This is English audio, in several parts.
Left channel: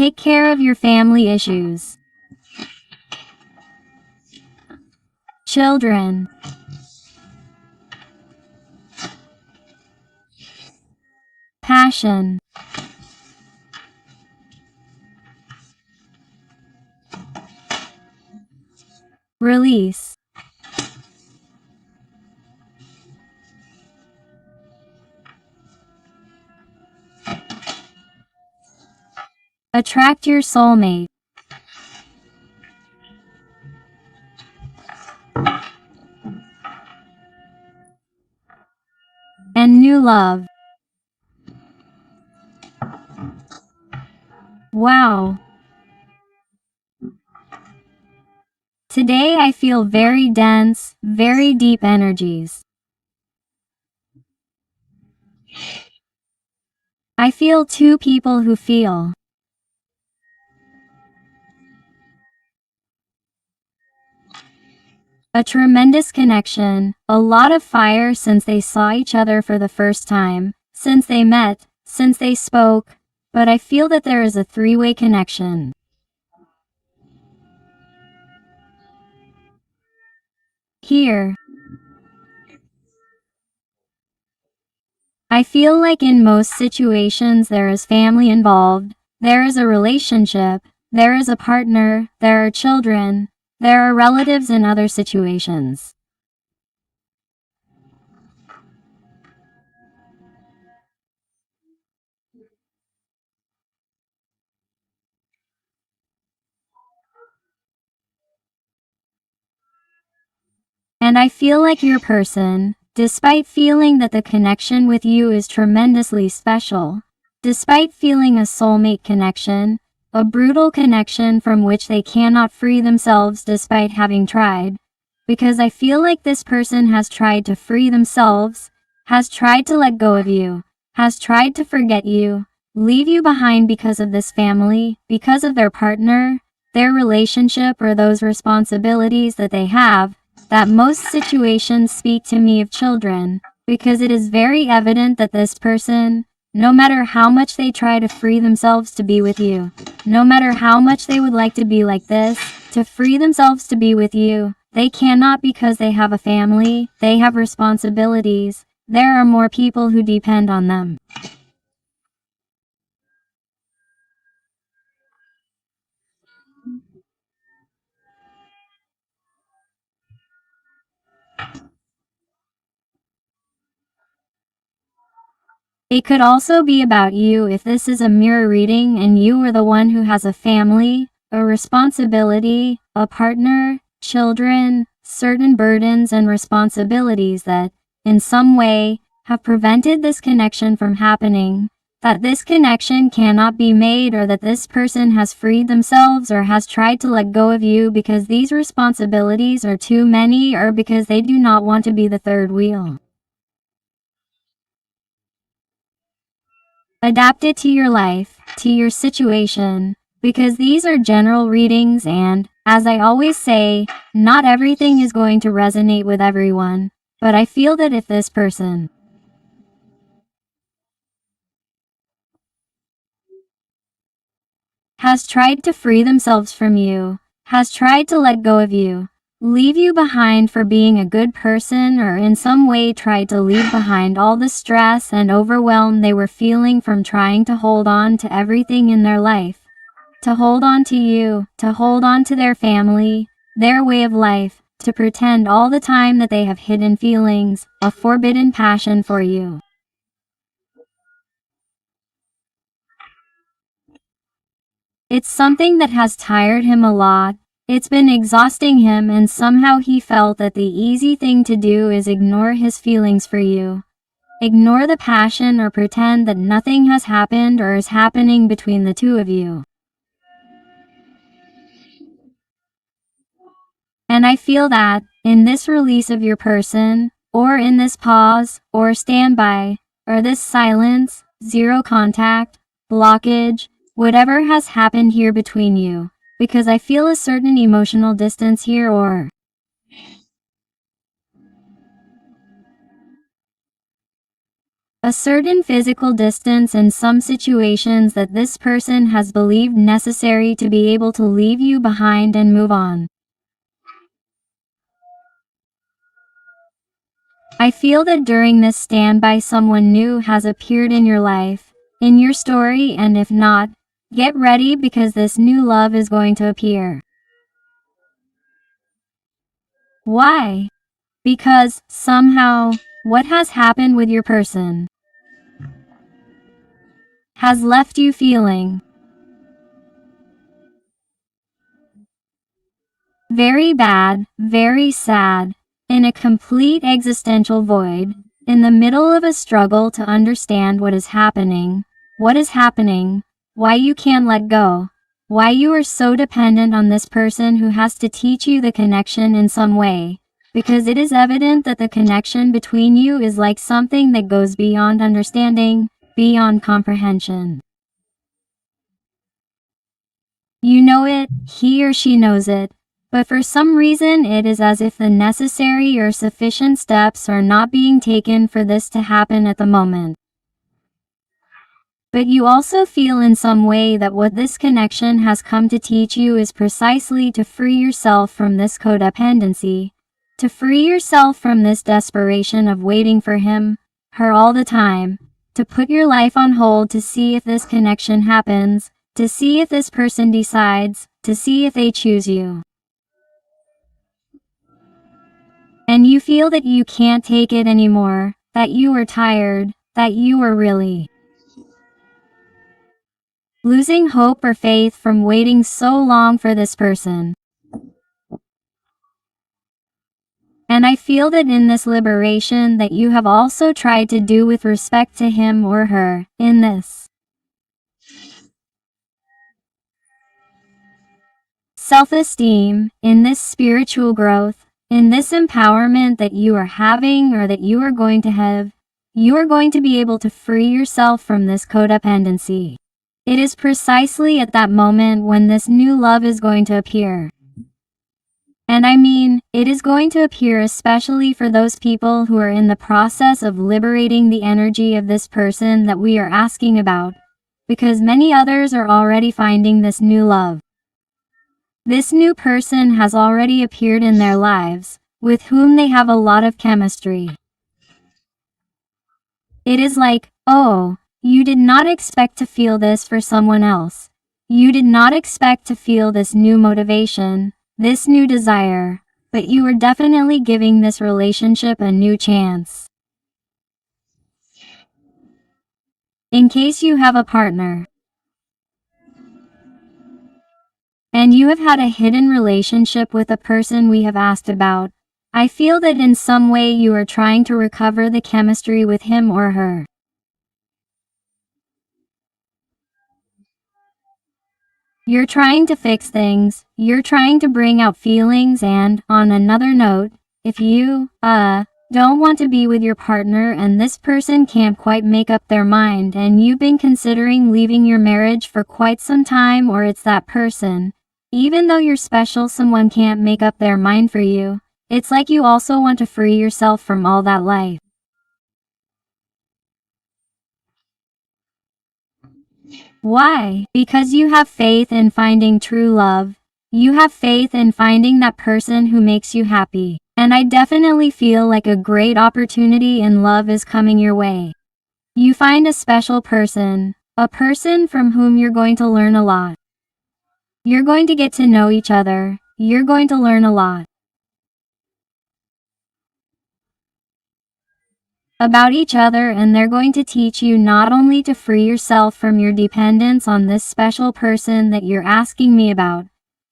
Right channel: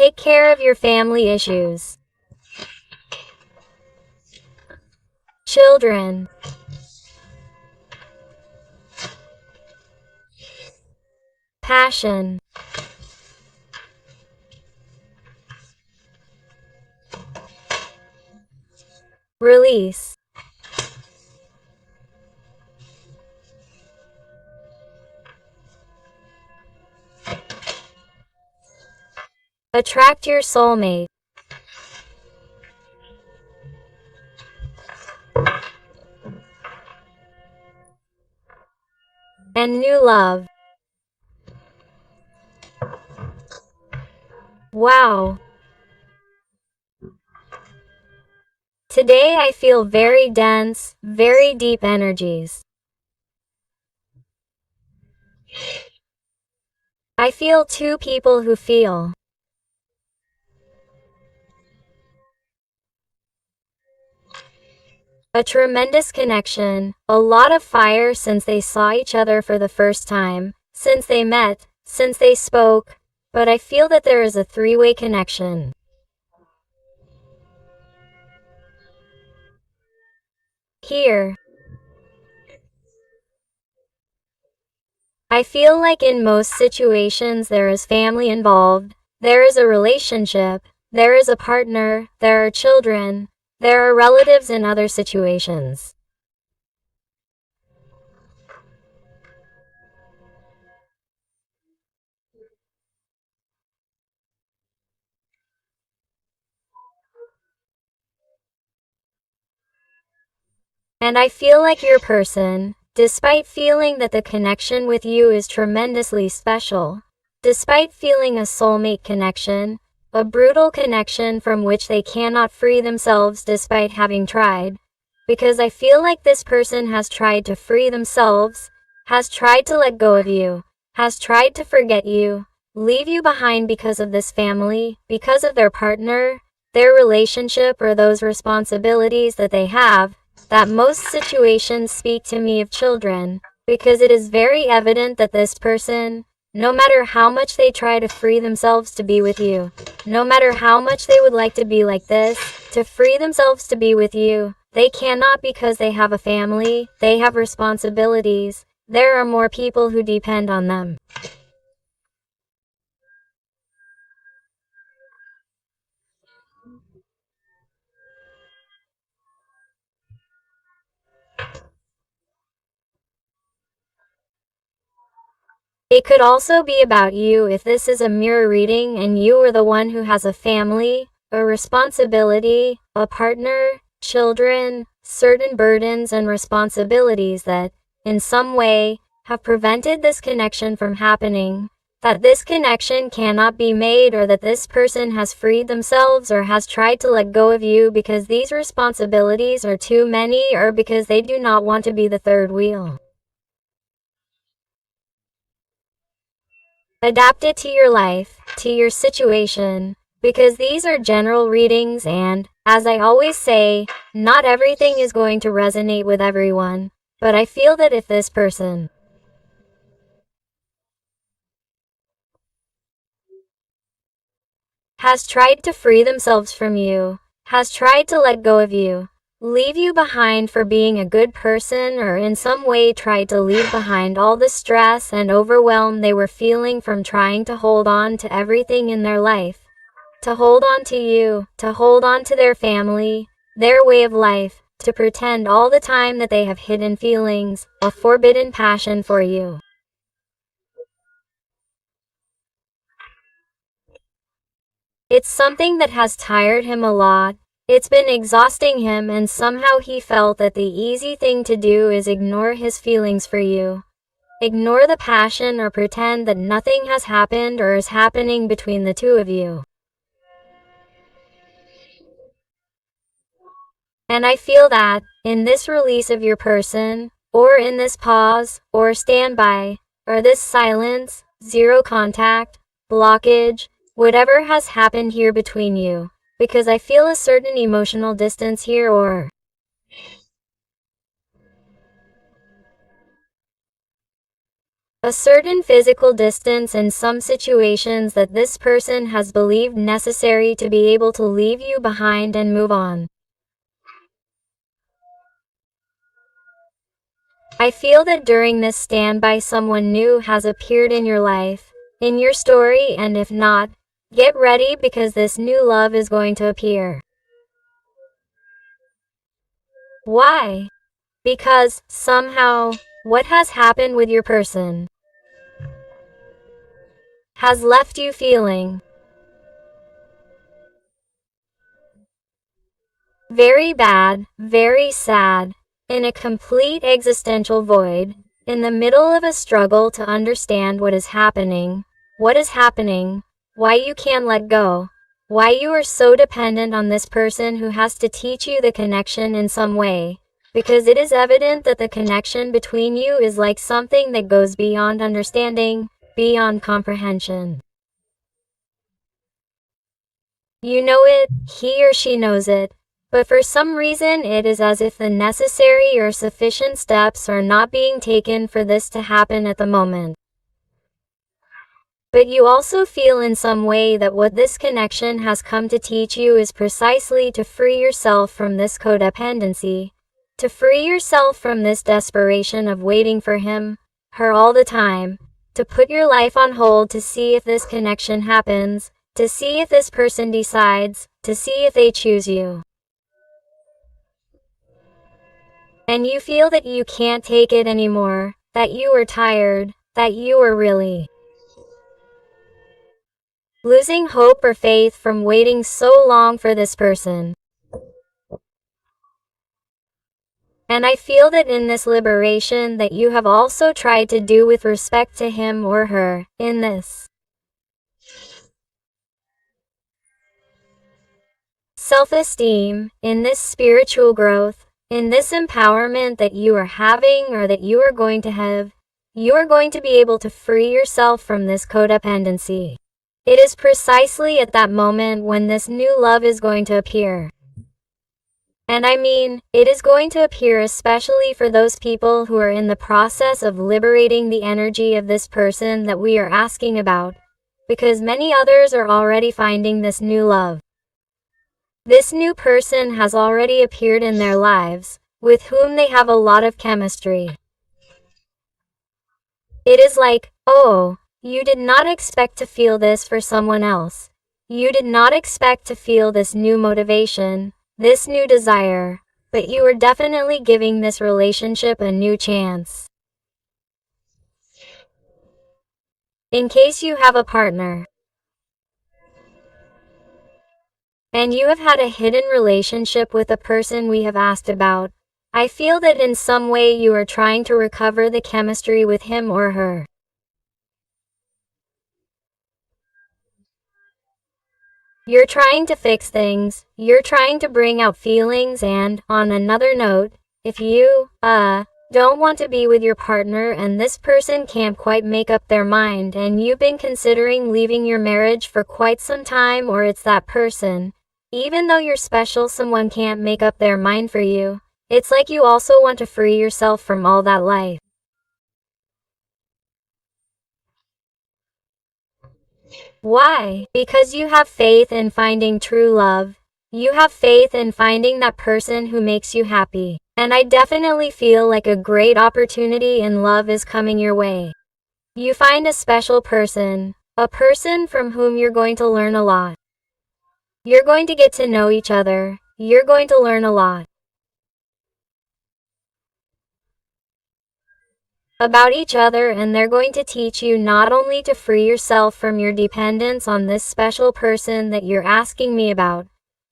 Take care of your family issues. Children. Passion. Release. Attract your soulmate. And new love. Wow. Today I feel very dense, very deep energies. I feel two people who feel. A tremendous connection, a lot of fire since they saw each other for the first time, since they met, since they spoke, but I feel that there is a three-way connection. Here. I feel like in most situations there is family involved, there is a relationship, there is a partner, there are children, there are relatives in other situations. And I feel like your person, despite feeling that the connection with you is tremendously special, despite feeling a soulmate connection, a brutal connection from which they cannot free themselves despite having tried, because I feel like this person has tried to free themselves, has tried to let go of you, has tried to forget you, leave you behind because of this family, because of their partner, their relationship, or those responsibilities that they have, that most situations speak to me of children, because it is very evident that this person, no matter how much they try to free themselves to be with you, no matter how much they would like to be like this, to free themselves to be with you, they cannot because they have a family, they have responsibilities, there are more people who depend on them. It could also be about you if this is a mirror reading and you are the one who has a family, a responsibility, a partner, children, certain burdens and responsibilities that, in some way, have prevented this connection from happening, that this connection cannot be made, or that this person has freed themselves or has tried to let go of you because these responsibilities are too many or because they do not want to be the third wheel. Adapt it to your life, to your situation, because these are general readings and, as I always say, not everything is going to resonate with everyone, but I feel that if this person has tried to free themselves from you, has tried to let go of you, leave you behind for being a good person, or in some way tried to leave behind all the stress and overwhelm they were feeling from trying to hold on to everything in their life, to hold on to you, to hold on to their family, their way of life, to pretend all the time that they have hidden feelings, a forbidden passion for you. It's something that has tired him a lot. It's been exhausting him, and somehow he felt that the easy thing to do is ignore his feelings for you. Ignore the passion or pretend that nothing has happened or is happening between the two of you. And I feel that, in this release of your person, or in this pause, or standby, or this silence, zero contact, blockage, whatever has happened here between you, because I feel a certain emotional distance here, or A certain physical distance in some situations that this person has believed necessary to be able to leave you behind and move on. I feel that during this standby someone new has appeared in your life, in your story, and if not, get ready because this new love is going to appear. Why? Because, somehow, what has happened with your person has left you feeling very bad, very sad, in a complete existential void, in the middle of a struggle to understand what is happening, why you can't let go, why you are so dependent on this person who has to teach you the connection in some way, because it is evident that the connection between you is like something that goes beyond understanding, beyond comprehension. You know it, he or she knows it, but for some reason it is as if the necessary or sufficient steps are not being taken for this to happen at the moment. But you also feel in some way that what this connection has come to teach you is precisely to free yourself from this codependency, to free yourself from this desperation of waiting for him, her all the time, to put your life on hold to see if this connection happens, to see if this person decides, to see if they choose you. And you feel that you can't take it anymore, that you are tired, that you are really losing hope or faith from waiting so long for this person. And I feel that in this liberation that you have also tried to do with respect to him or her, in this self-esteem, in this spiritual growth, in this empowerment that you are having or that you are going to have, you are going to be able to free yourself from this codependency. It is precisely at that moment when this new love is going to appear. And I mean, it is going to appear especially for those people who are in the process of liberating the energy of this person that we are asking about, because many others are already finding this new love. This new person has already appeared in their lives, with whom they have a lot of chemistry. It is like, oh, you did not expect to feel this for someone else. You did not expect to feel this new motivation, this new desire, but you are definitely giving this relationship a new chance. In case you have a partner, and you have had a hidden relationship with the person we have asked about, I feel that in some way you are trying to recover the chemistry with him or her. You're trying to fix things, you're trying to bring out feelings, and, on another note, if you, don't want to be with your partner and this person can't quite make up their mind and you've been considering leaving your marriage for quite some time, or it's that person, even though you're special, someone can't make up their mind for you, it's like you also want to free yourself from all that life. Why? Because you have faith in finding true love. You have faith in finding that person who makes you happy. And I definitely feel like a great opportunity in love is coming your way. You find a special person, a person from whom you're going to learn a lot. You're going to get to know each other. You're going to learn a lot about each other, and they're going to teach you not only to free yourself from your dependence on this special person that you're asking me about,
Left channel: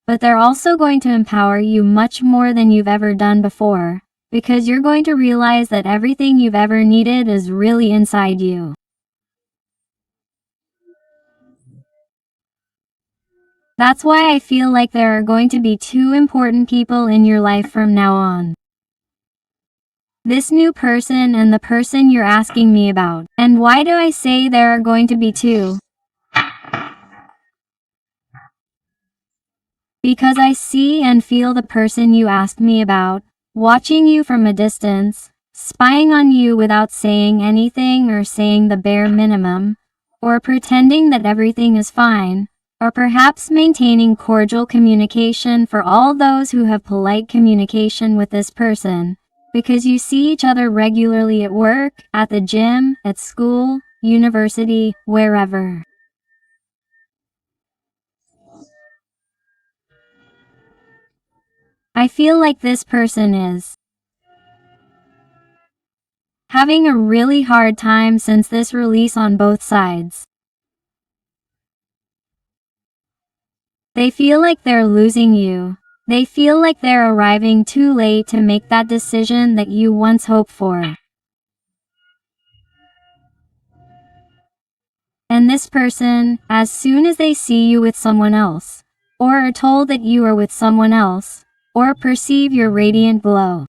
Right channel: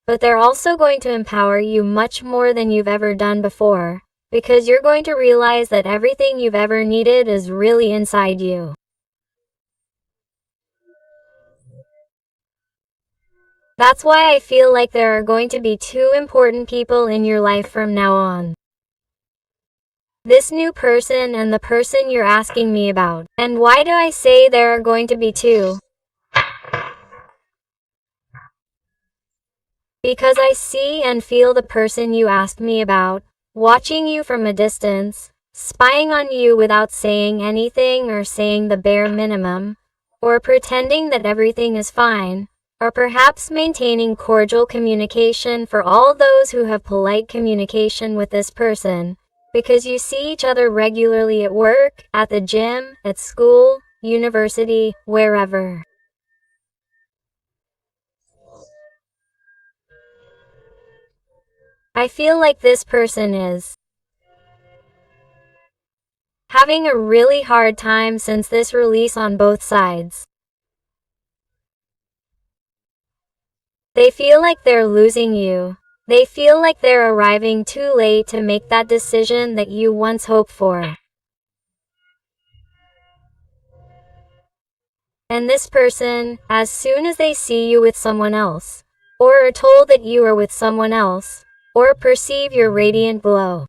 but they're also going to empower you much more than you've ever done before, because you're going to realize that everything you've ever needed is really inside you. That's why I feel like there are going to be two important people in your life from now on. This new person and the person you're asking me about. And why do I say there are going to be two? Because I see and feel the person you asked me about, watching you from a distance, spying on you without saying anything or saying the bare minimum, or pretending that everything is fine, or perhaps maintaining cordial communication for all those who have polite communication with this person, because you see each other regularly at work, at the gym, at school, university, wherever. I feel like this person is having a really hard time since this release on both sides. They feel like they're losing you. They feel like they're arriving too late to make that decision that you once hoped for. And this person, as soon as they see you with someone else, or are told that you are with someone else, or perceive your radiant glow,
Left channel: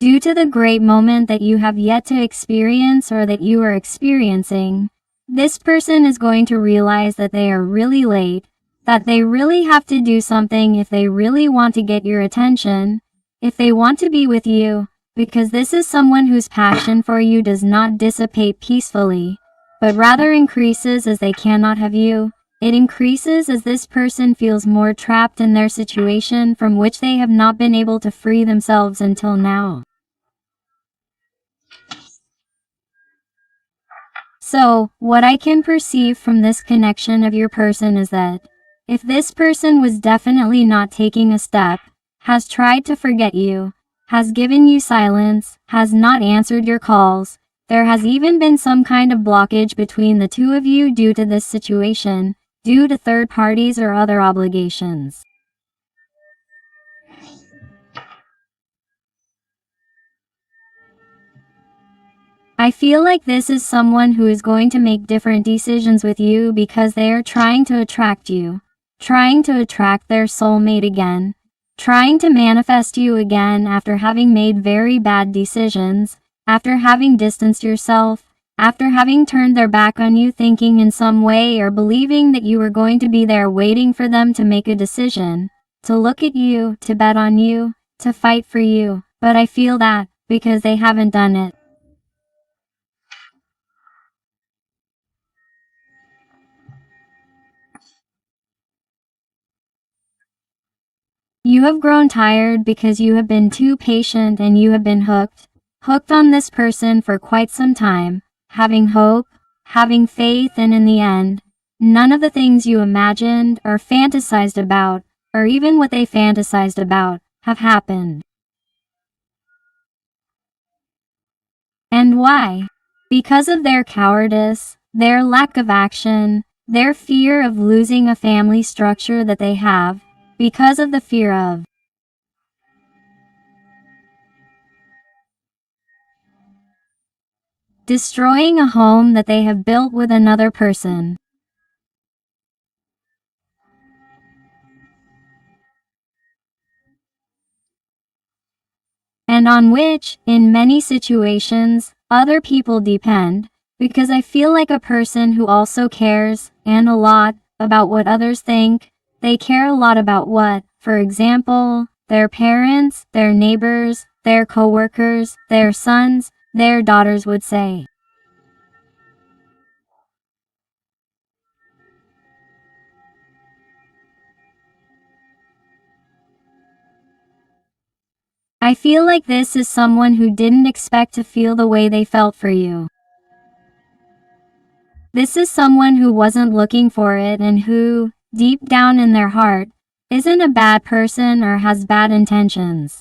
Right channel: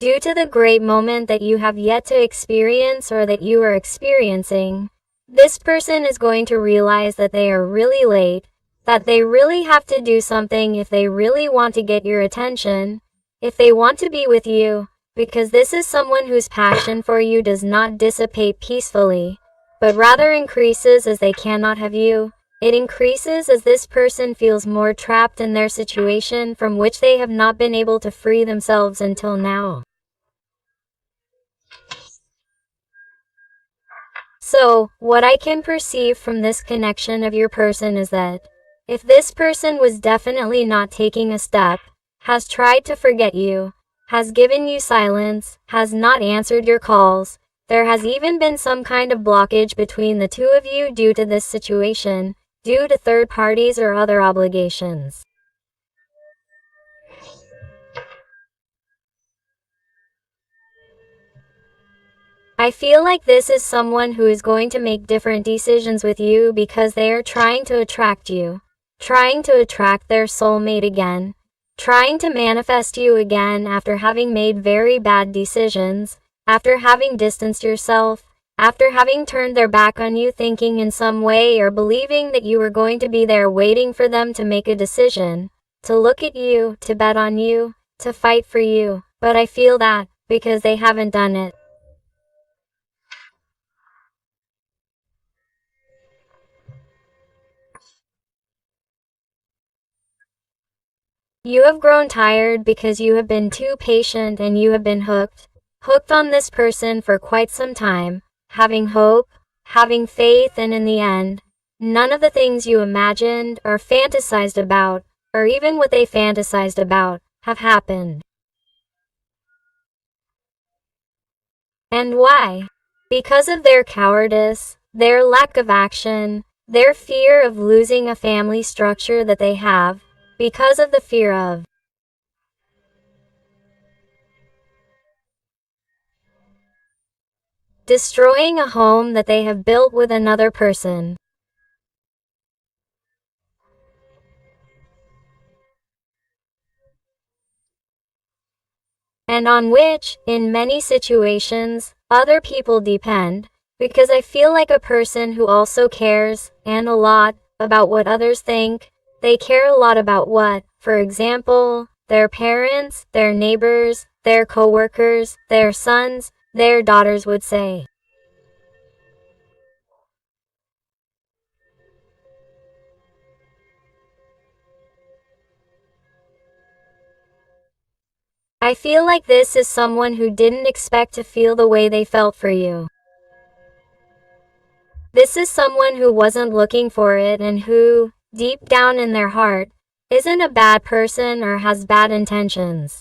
due to the great moment that you have yet to experience or that you are experiencing, this person is going to realize that they are really late, that they really have to do something if they really want to get your attention, if they want to be with you, because this is someone whose passion for you does not dissipate peacefully, but rather increases as they cannot have you. It increases as this person feels more trapped in their situation from which they have not been able to free themselves until now. So, what I can perceive from this connection of your person is that if this person was definitely not taking a step, has tried to forget you, has given you silence, has not answered your calls, there has even been some kind of blockage between the two of you due to this situation, due to third parties or other obligations. I feel like this is someone who is going to make different decisions with you because they are trying to attract you, trying to attract their soulmate again, trying to manifest you again after having made very bad decisions, after having distanced yourself, after having turned their back on you thinking in some way or believing that you were going to be there waiting for them to make a decision, to look at you, to bet on you, to fight for you, but I feel that, because they haven't done it. You have grown tired because you have been too patient and you have been hooked on this person for quite some time, having hope, having faith, and in the end, none of the things you imagined or fantasized about, or even what they fantasized about, have happened. And why? Because of their cowardice, their lack of action, their fear of losing a family structure that they have, because of the fear of destroying a home that they have built with another person. And on which, in many situations, other people depend, because I feel like a person who also cares, and a lot, about what others think. They care a lot about what, for example, their parents, their neighbors, their coworkers, their sons, their daughters would say. I feel like this is someone who didn't expect to feel the way they felt for you. This is someone who wasn't looking for it and who, deep down in their heart, isn't a bad person or has bad intentions.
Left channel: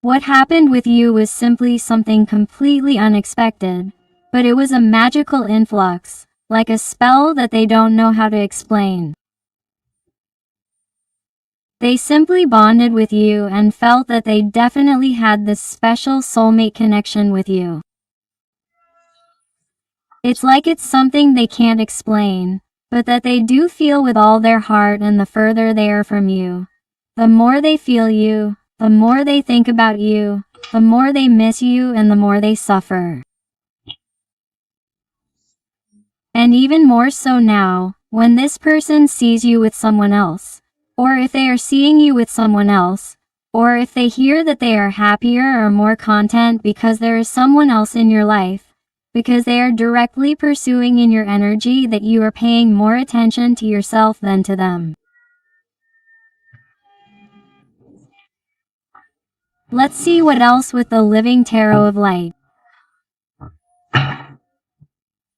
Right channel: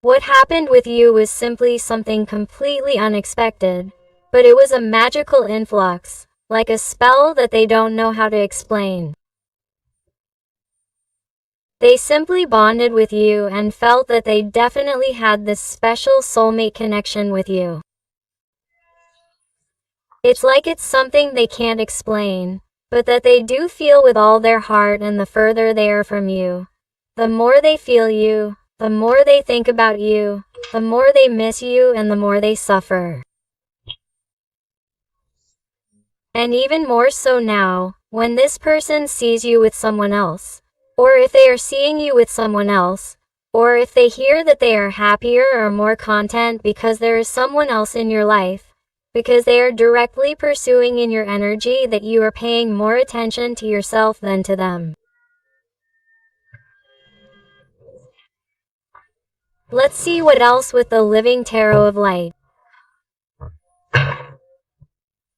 What happened with you was simply something completely unexpected, but it was a magical influx, like a spell that they don't know how to explain. They simply bonded with you and felt that they definitely had this special soulmate connection with you. It's like it's something they can't explain, but that they do feel with all their heart, and the further they are from you, the more they feel you, the more they think about you, the more they miss you, and the more they suffer. And even more so now, when this person sees you with someone else, or if they are seeing you with someone else, or if they hear that they are happier or more content because there is someone else in your life, because they are directly pursuing in your energy that you are paying more attention to yourself than to them. Let's see what else with the Living Tarot of Light.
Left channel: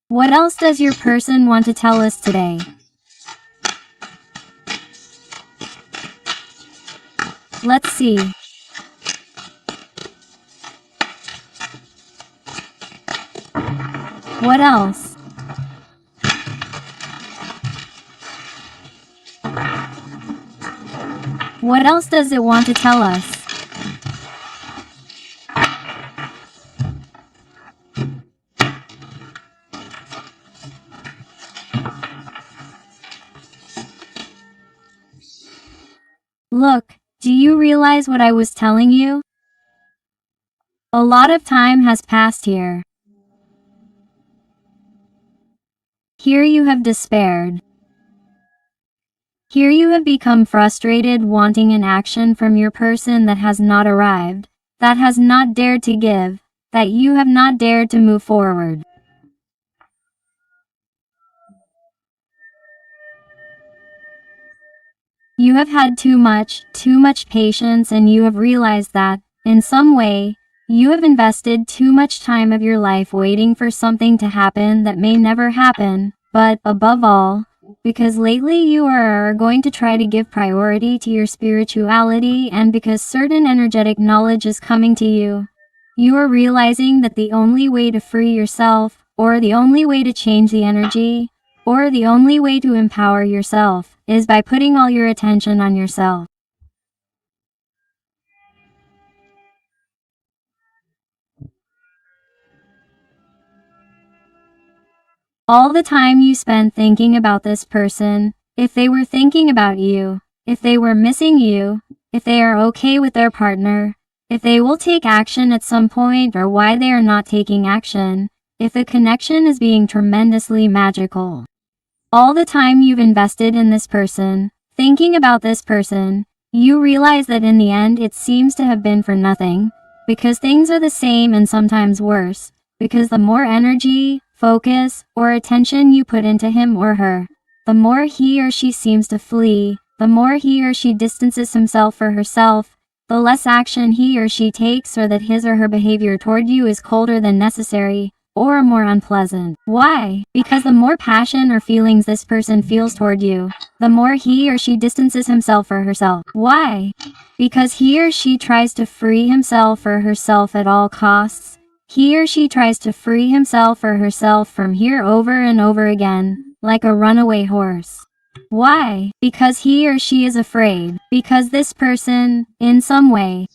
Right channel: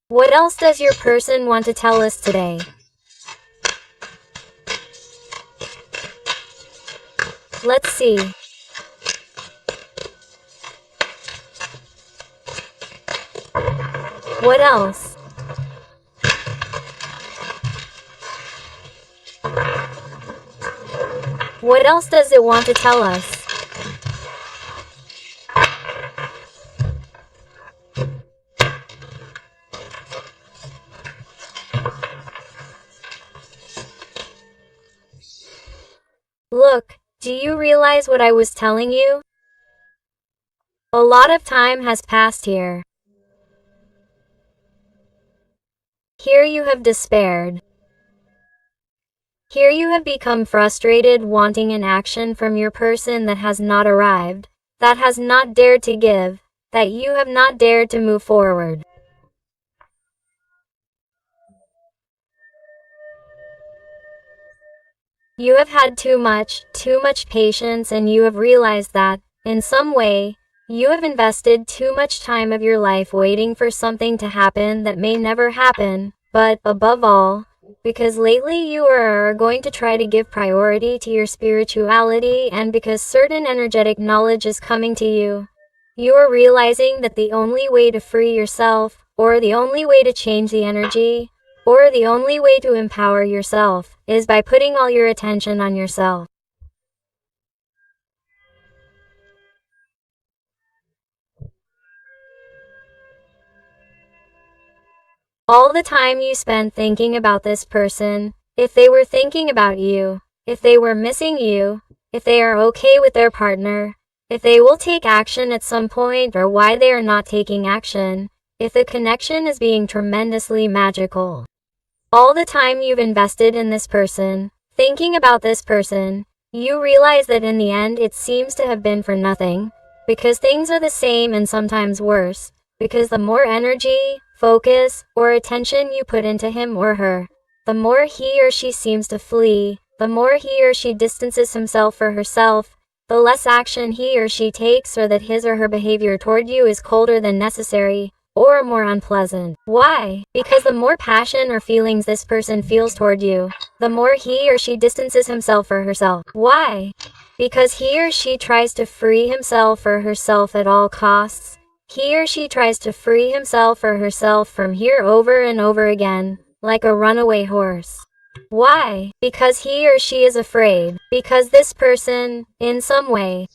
What else does your person want to tell us today? Let's see. What else? What else does it want to tell us? Look, do you realize what I was telling you? A lot of time has passed here. Here you have despaired. Here you have become frustrated, wanting an action from your person that has not arrived, that has not dared to give, that you have not dared to move forward. You have had too much patience, and you have realized that, in some way, you have invested too much time of your life waiting for something to happen that may never happen, but, above all, because lately you are going to try to give priority to your spirituality, and because certain energetic knowledge is coming to you, you are realizing that the only way to free yourself, or the only way to change the energy, or the only way to empower yourself, is by putting all your attention on yourself. All the time you spend thinking about this person, if they were thinking about you, if they were missing you, if they are okay with their partner, if they will take action at some point or why they are not taking action, if the connection is being tremendously magical. All the time you've invested in this person, thinking about this person, you realize that in the end it seems to have been for nothing, because things are the same and sometimes worse, because the more energy, focus, or attention you put into him or her, the more he or she seems to flee, the more he or she distances himself or herself, the less action he or she takes, or that his or her behavior toward you is colder than necessary, or more unpleasant. Why? Because the more passion or feelings this person feels toward you, the more he or she distances himself or herself. Why? Because he or she tries to free himself or herself at all costs. He or she tries to free himself or herself from here over and over again, like a runaway horse. Why? Because he or she is afraid. Because this person, in some way,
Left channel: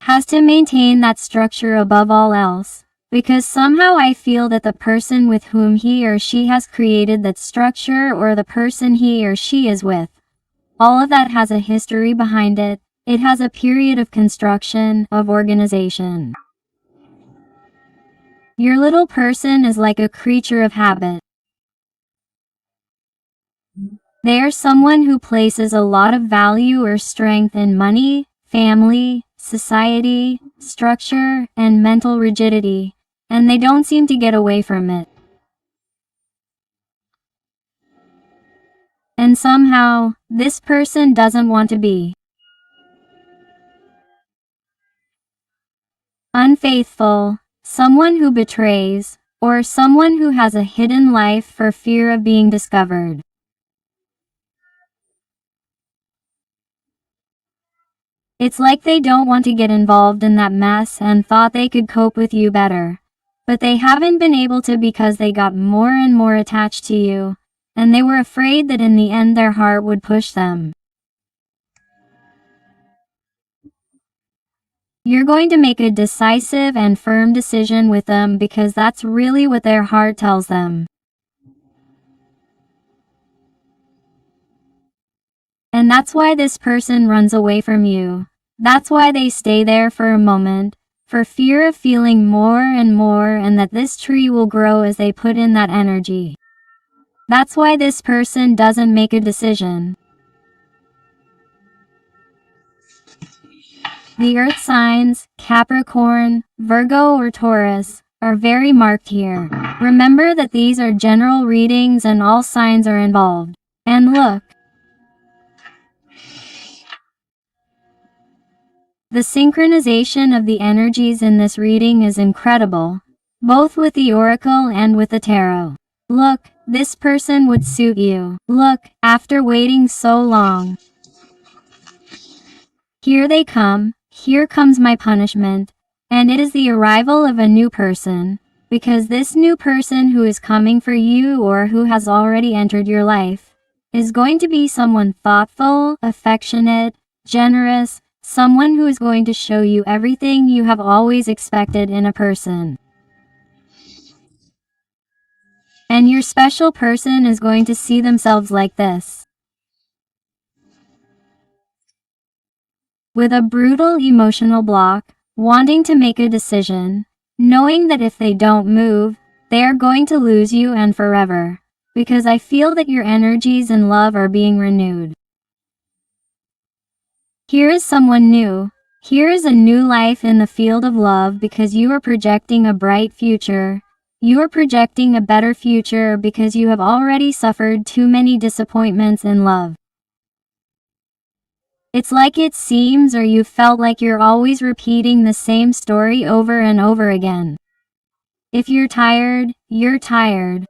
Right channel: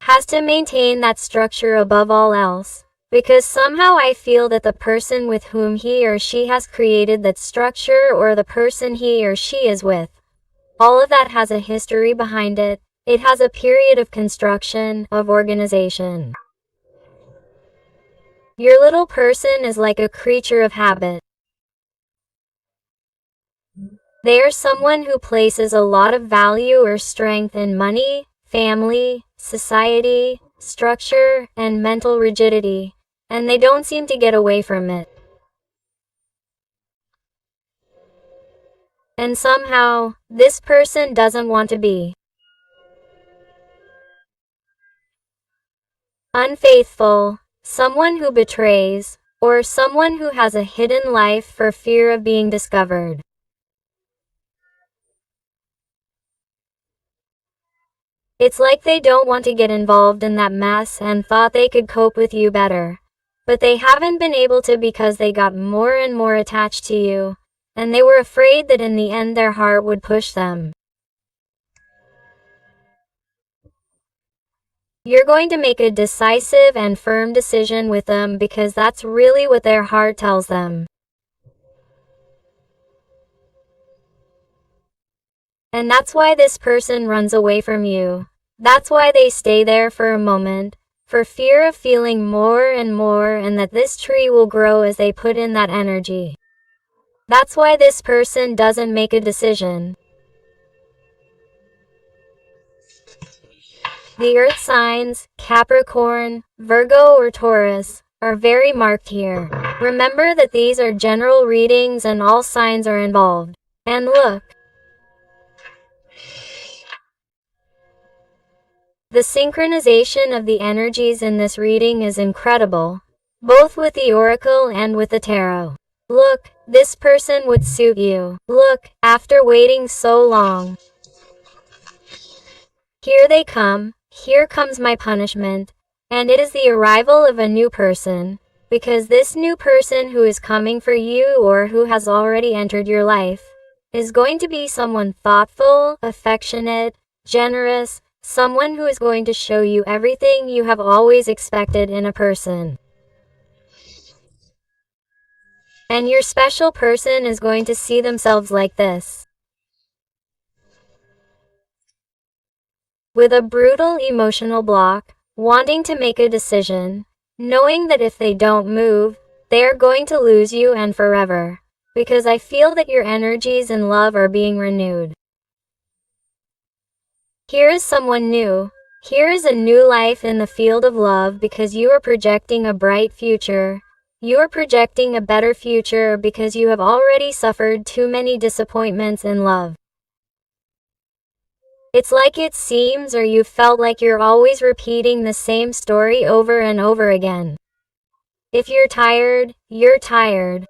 has to maintain that structure above all else. Because somehow I feel that the person with whom he or she has created that structure, or the person he or she is with, all of that has a history behind it. It has a period of construction, of organization. Your little person is like a creature of habit. They are someone who places a lot of value or strength in money, family, society, structure, and mental rigidity, and they don't seem to get away from it. And somehow, this person doesn't want to be unfaithful, someone who betrays, or someone who has a hidden life for fear of being discovered. It's like they don't want to get involved in that mess and thought they could cope with you better. But they haven't been able to, because they got more and more attached to you, and they were afraid that in the end their heart would push them. You're going to make a decisive and firm decision with them, because that's really what their heart tells them. And that's why this person runs away from you. That's why they stay there for a moment, for fear of feeling more and more, and that this tree will grow as they put in that energy. That's why this person doesn't make a decision. The earth signs, Capricorn, Virgo or Taurus, are very marked here. Remember that these are general readings and all signs are involved. And look, the synchronization of the energies in this reading is incredible, both with the oracle and with the tarot. Look, this person would suit you. Look, after waiting so long. Here they come, here comes my punishment, and it is the arrival of a new person, because this new person who is coming for you or who has already entered your life, is going to be someone thoughtful, affectionate, generous, someone who is going to show you everything you have always expected in a person. And your special person is going to see themselves like this. With a brutal emotional block, wanting to make a decision, knowing that if they don't move, they are going to lose you and forever. Because I feel that your energies and love are being renewed. Here is someone new. Here is a new life in the field of love because you are projecting a bright future. You are projecting a better future because you have already suffered too many disappointments in love. It's like it seems or you felt like you're always repeating the same story over and over again. If you're tired, you're tired.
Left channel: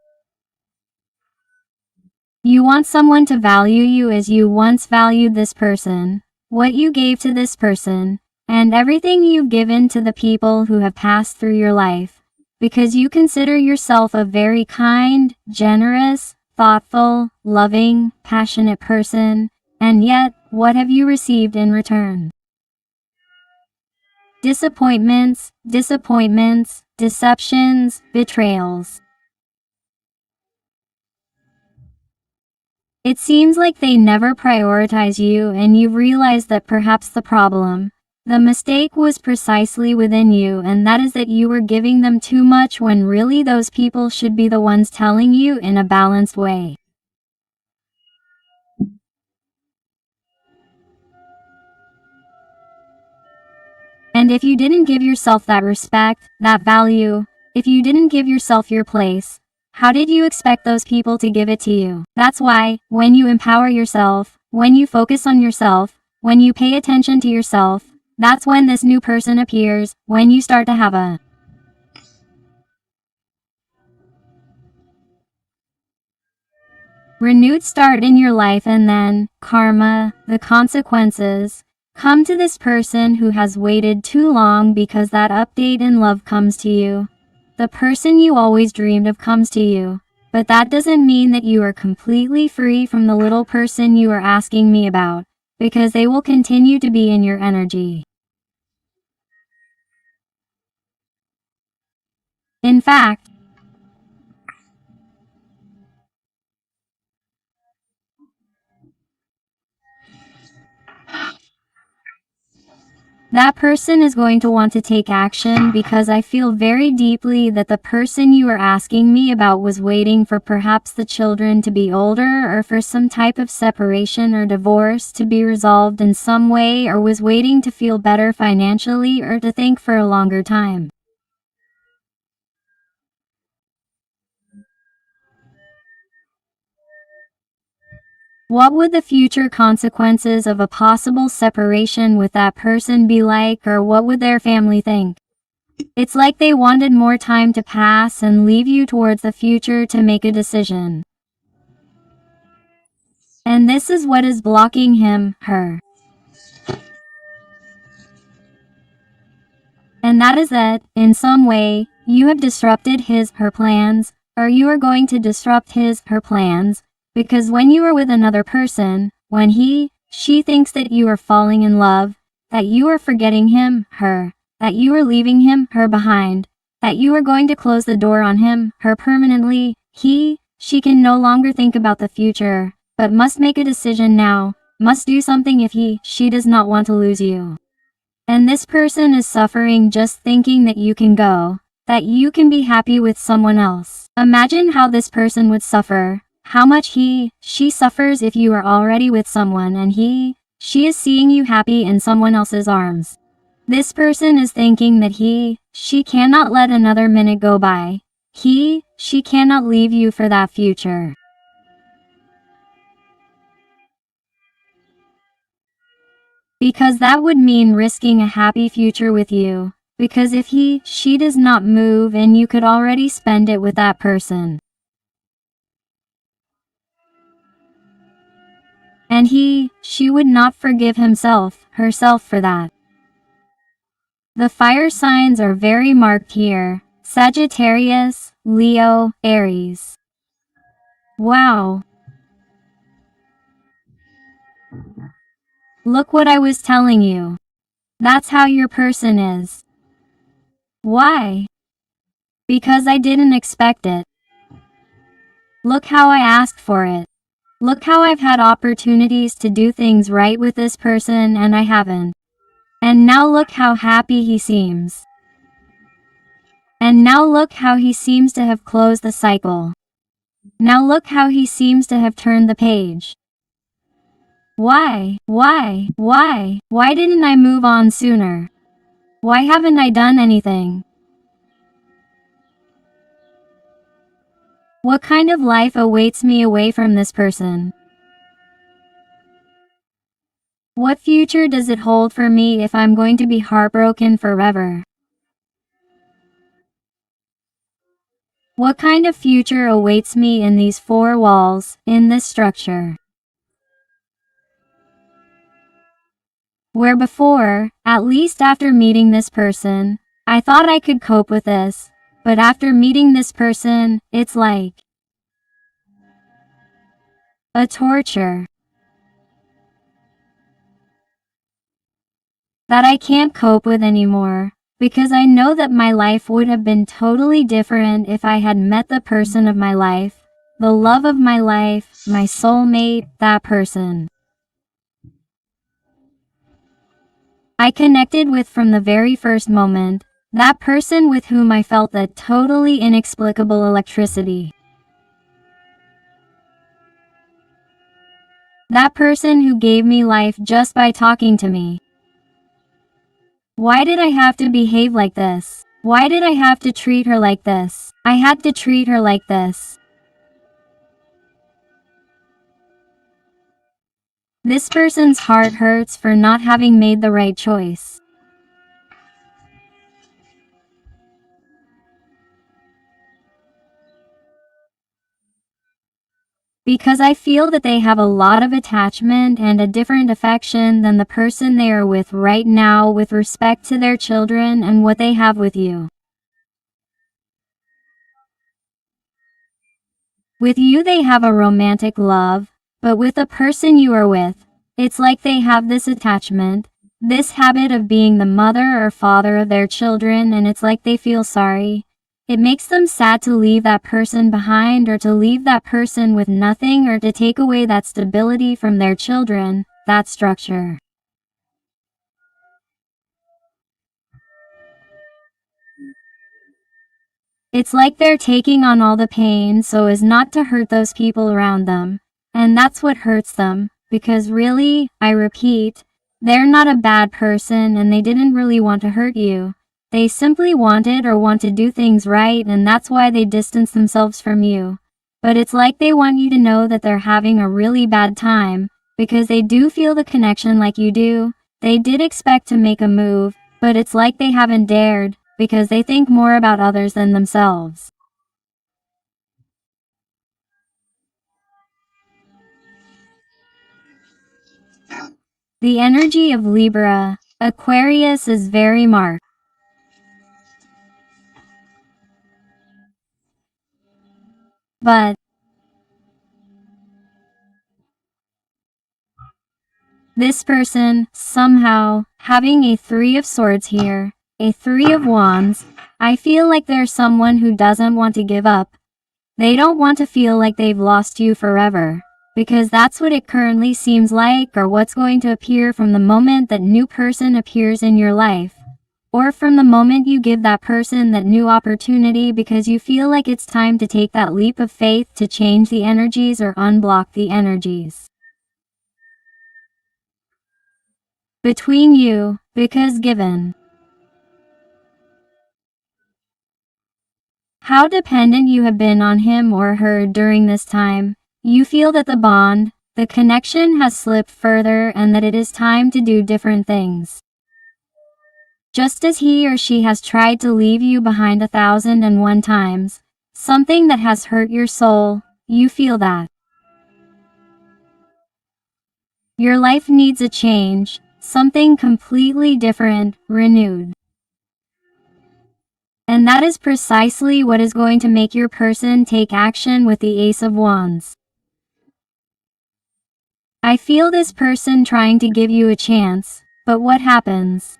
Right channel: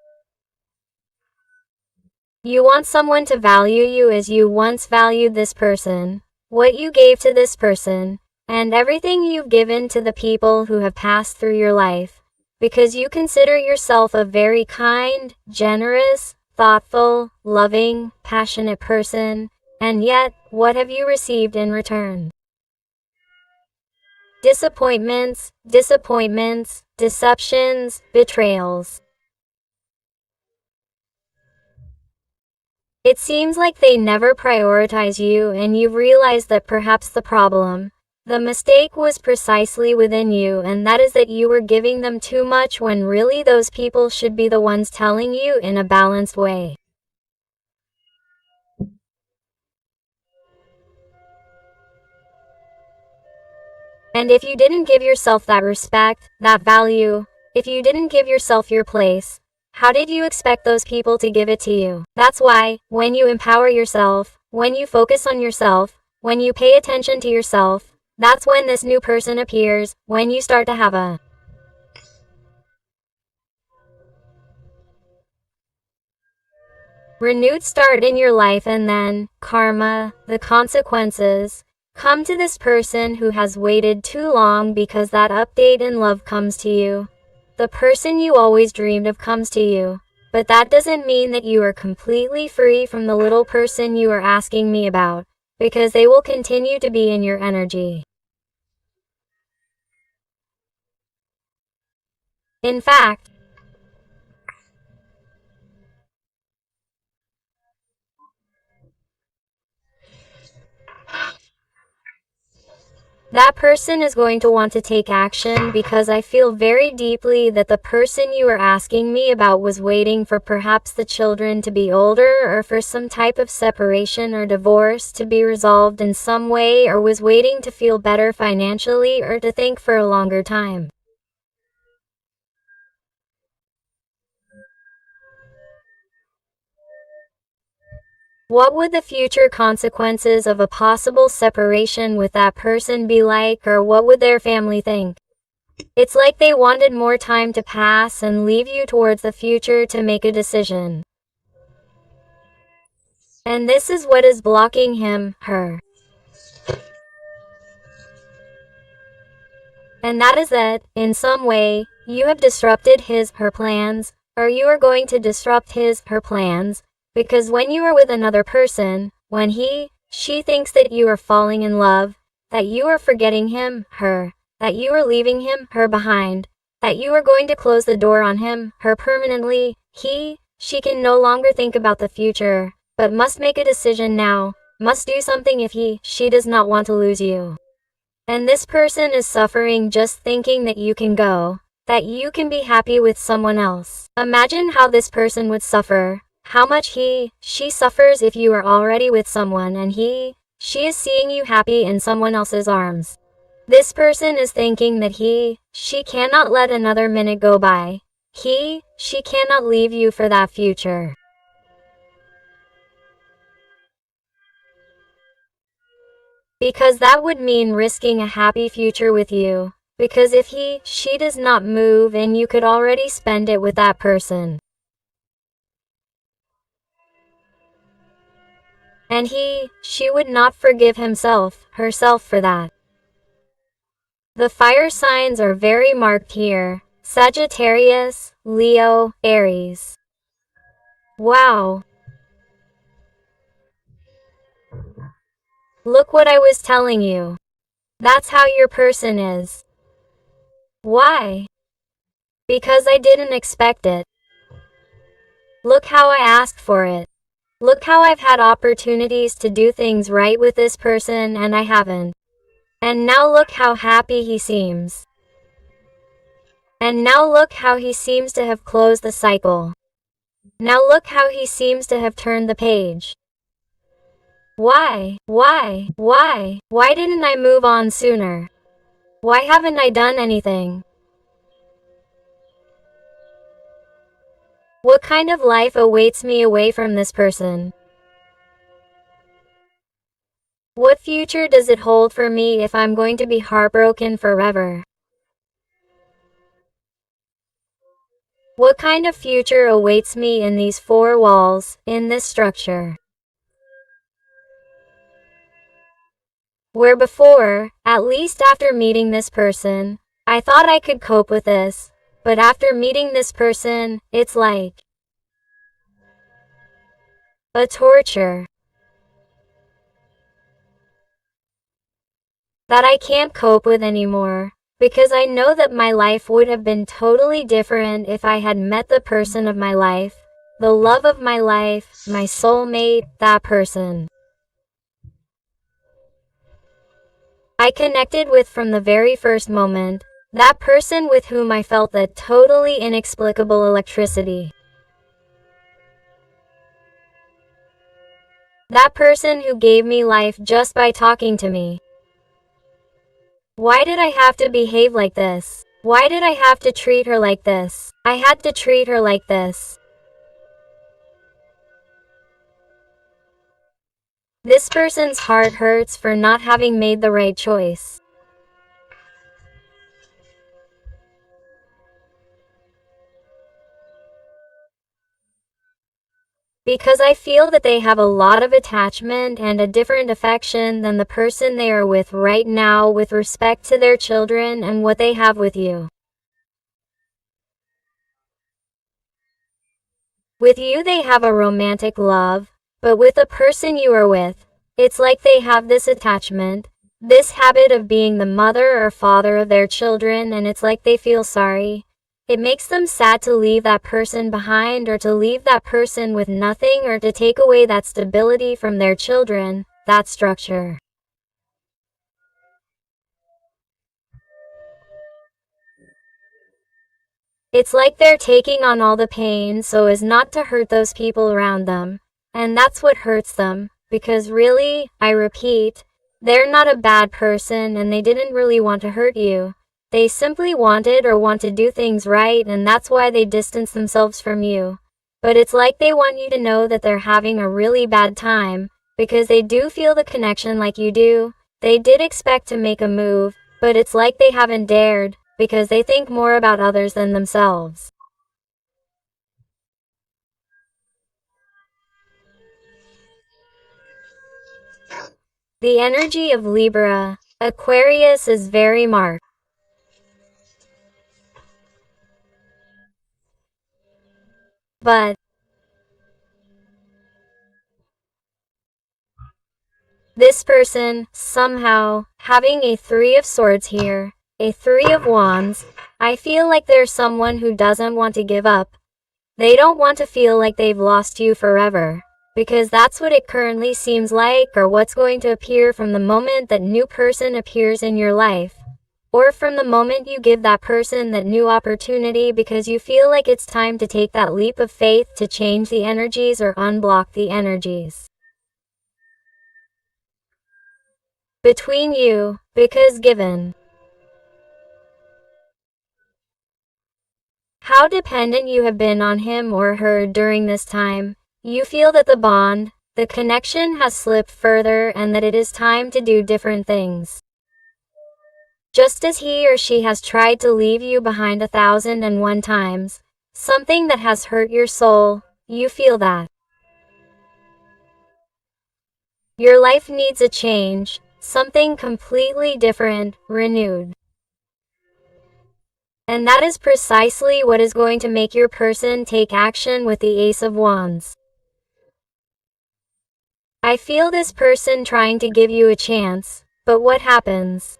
You want someone to value you as you once valued this person, what you gave to this person, and everything you've given to the people who have passed through your life, because you consider yourself a very kind, generous, thoughtful, loving, passionate person, and yet, what have you received in return? Disappointments, disappointments, deceptions, betrayals. It seems like they never prioritize you and you've realized that perhaps the mistake was precisely within you, and that is that you were giving them too much when really those people should be the ones telling you in a balanced way. And if you didn't give yourself that respect, that value, if you didn't give yourself your place, how did you expect those people to give it to you? That's why, when you empower yourself, when you focus on yourself, when you pay attention to yourself, that's when this new person appears, when you start to have a renewed start in your life, and then, karma, the consequences, come to this person who has waited too long because that update in love comes to you. The person you always dreamed of comes to you, but that doesn't mean that you are completely free from the little person you are asking me about, because they will continue to be in your energy. In fact, that person is going to want to take action because I feel very deeply that the person you are asking me about was waiting for perhaps the children to be older or for some type of separation or divorce to be resolved in some way, or was waiting to feel better financially or to think for a longer time. What would the future consequences of a possible separation with that person be like, or what would their family think? It's like they wanted more time to pass and leave you towards the future to make a decision. And this is what is blocking him, her. And that is that, in some way, you have disrupted his, her plans, or you are going to disrupt his, her plans, because when you are with another person, when he, she thinks that you are falling in love, that you are forgetting him, her, that you are leaving him, her behind, that you are going to close the door on him, her permanently, he, she can no longer think about the future, but must make a decision now, must do something if he, she does not want to lose you. And this person is suffering just thinking that you can go, that you can be happy with someone else. Imagine how this person would suffer, how much she suffers if you are already with someone and she is seeing you happy in someone else's arms. This person is thinking that she cannot let another minute go by. She cannot leave you for that future. Because that would mean risking a happy future with you. Because if she does not move and you could already spend it with that person. And she would not forgive herself for that. The fire signs are very marked here. Sagittarius, Leo, Aries. Wow. Look what I was telling you. That's how your person is. Why? Because I didn't expect it. Look how I asked for it. Look how I've had opportunities to do things right with this person and I haven't. And now look how happy he seems. And now look how he seems to have closed the cycle. Now look how he seems to have turned the page. Why didn't I move on sooner? Why haven't I done anything? What kind of life awaits me away from this person? What future does it hold for me if I'm going to be heartbroken forever? What kind of future awaits me in these four walls, in this structure? Where before, at least after meeting this person, I thought I could cope with this, but after meeting this person, it's like a torture that I can't cope with anymore, because I know that my life would have been totally different if I had met the person of my life, the love of my life, my soulmate, that person I connected with from the very first moment, that person with whom I felt that totally inexplicable electricity. That person who gave me life just by talking to me. Why did I have to behave like this? Why did I have to treat her like this? I had to treat her like this. This person's heart hurts for not having made the right choice. Because I feel that they have a lot of attachment and a different affection than the person they are with right now with respect to their children and what they have with you. With you they have a romantic love, but with the person you are with, it's like they have this attachment, this habit of being the mother or father of their children, and it's like they feel sorry. It makes them sad to leave that person behind or to leave that person with nothing or to take away that stability from their children, that structure. It's like they're taking on all the pain so as not to hurt those people around them. And that's what hurts them, because really, I repeat, they're not a bad person and they didn't really want to hurt you. They simply wanted or want to do things right, and that's why they distance themselves from you. But it's like they want you to know that they're having a really bad time, because they do feel the connection like you do. They did expect to make a move, but it's like they haven't dared, because they think more about others than themselves. The energy of Libra, Aquarius is very marked. But this person, somehow, having a Three of Swords here, a Three of Wands, I feel like there's someone who doesn't want to give up. They don't want to feel like they've lost you forever, because that's what it currently seems like, or what's going to appear from the moment that new person appears in your life. or from the moment you give that person that new opportunity because you feel like it's time to take that leap of faith to change the energies or unblock the energies between you, because given how dependent you have been on him or her during this time, you feel that the bond, the connection has slipped further and that it is time to do different things. Just as he or she has tried to leave you behind 1,001 times, something that has hurt your soul, you feel that your life needs a change, something completely different, renewed. And that is precisely what is going to make your person take action with the Ace of Wands. I feel this person trying to give you a chance, but what happens?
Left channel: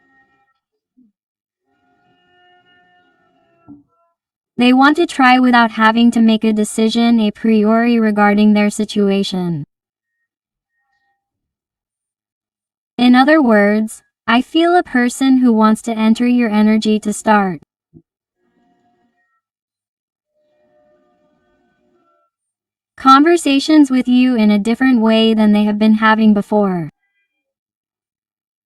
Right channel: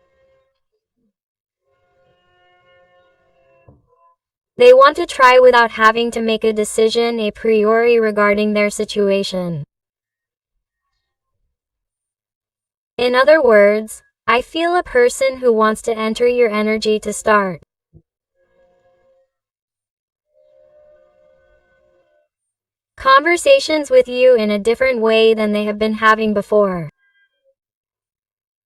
They want to try without having to make a decision a priori regarding their situation. In other words, I feel a person who wants to enter your energy to start conversations with you in a different way than they have been having before.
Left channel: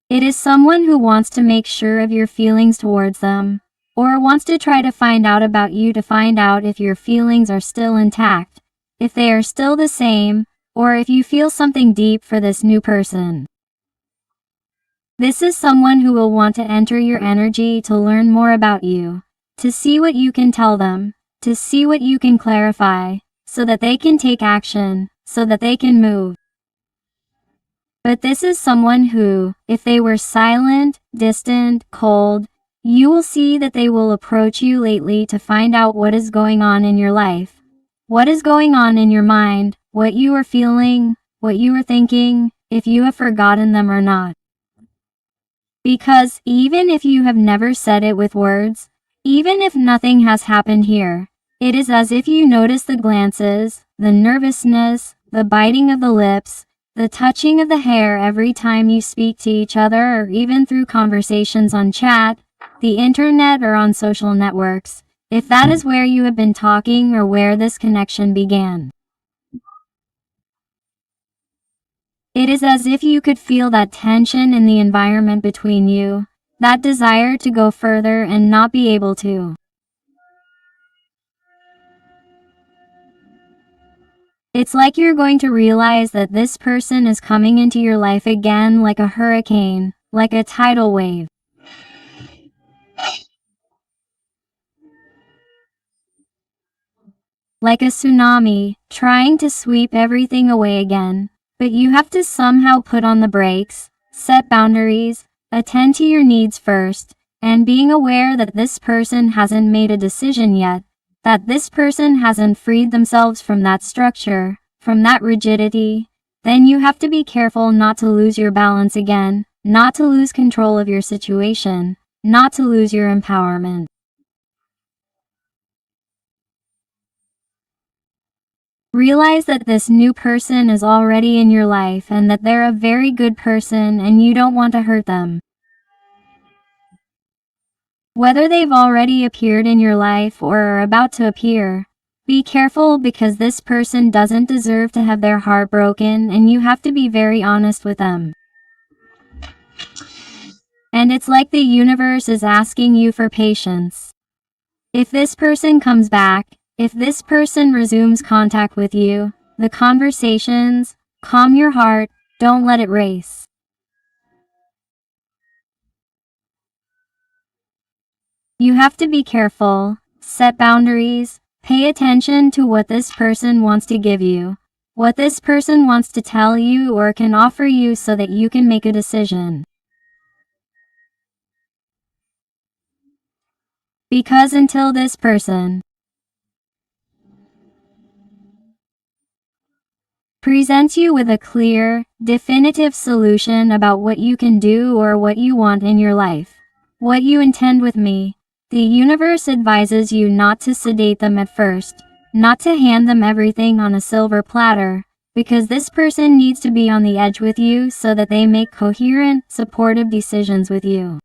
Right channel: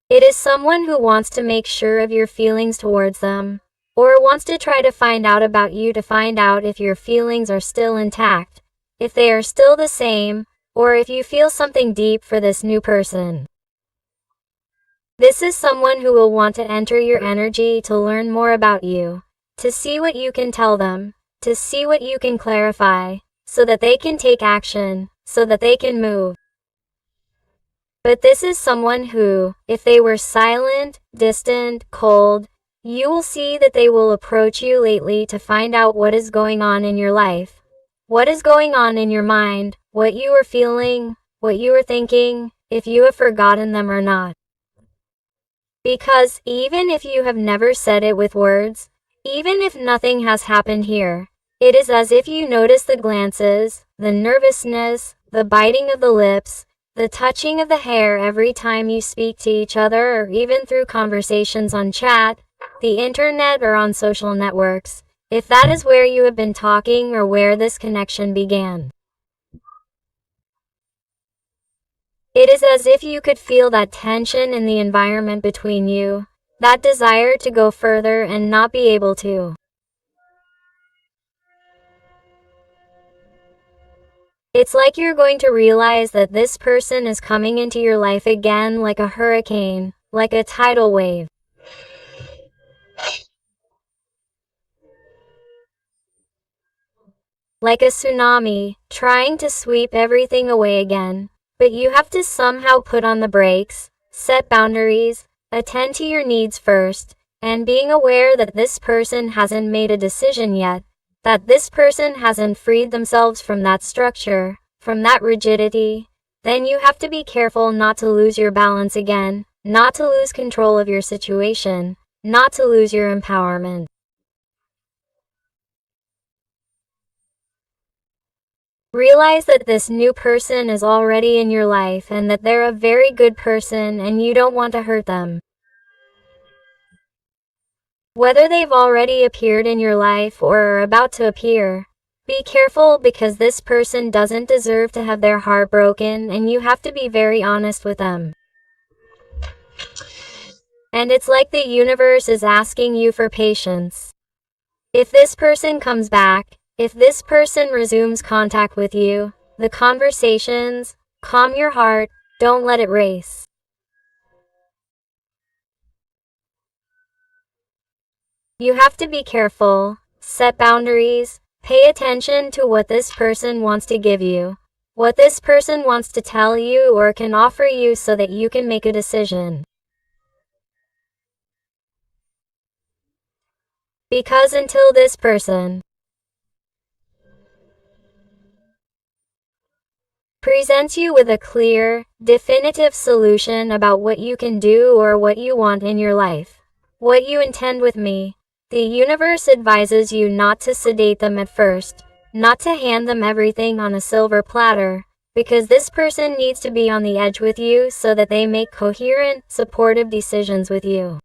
It is someone who wants to make sure of your feelings towards them, or wants to try to find out about you to find out if your feelings are still intact, if they are still the same, or if you feel something deep for this new person. This is someone who will want to enter your energy to learn more about you, to see what you can tell them, to see what you can clarify, so that they can take action, so that they can move. But this is someone who, if they were silent, distant, cold, you will see that they will approach you lately to find out what is going on in your life, what is going on in your mind, what you are feeling, what you are thinking, if you have forgotten them or not. Because even if you have never said it with words, even if nothing has happened here, it is as if you notice the glances, the nervousness, the biting of the lips, the touching of the hair every time you speak to each other, or even through conversations on chat, the internet, or on social networks, if that is where you have been talking or where this connection began. It is as if you could feel that tension in the environment between you, that desire to go further and not be able to. It's like you're going to realize that this person is coming into your life again like a hurricane, like a tidal wave. Like a tsunami, trying to sweep everything away again. But you have to somehow put on the brakes, set boundaries, attend to your needs first, and being aware that this person hasn't made a decision yet, that this person hasn't freed themselves from that structure, from that rigidity, then you have to be careful not to lose your balance again, not to lose control of your situation, not to lose your empowerment. Realize that this new person is already in your life and that they're a very good person and you don't want to hurt them. Whether they've already appeared in your life or are about to appear, be careful because this person doesn't deserve to have their heart broken and you have to be very honest with them. And it's like the universe is asking you for patience. If this person comes back, if this person resumes contact with you, the conversations, calm your heart, don't let it race. You have to be careful, set boundaries, pay attention to what this person wants to give you, what this person wants to tell you or can offer you so that you can make a decision. Because until this person presents you with a clear, definitive solution about what you can do or what you want in your life, what you intend with me, the universe advises you not to sedate them at first, not to hand them everything on a silver platter, because this person needs to be on the edge with you so that they make coherent, supportive decisions with you.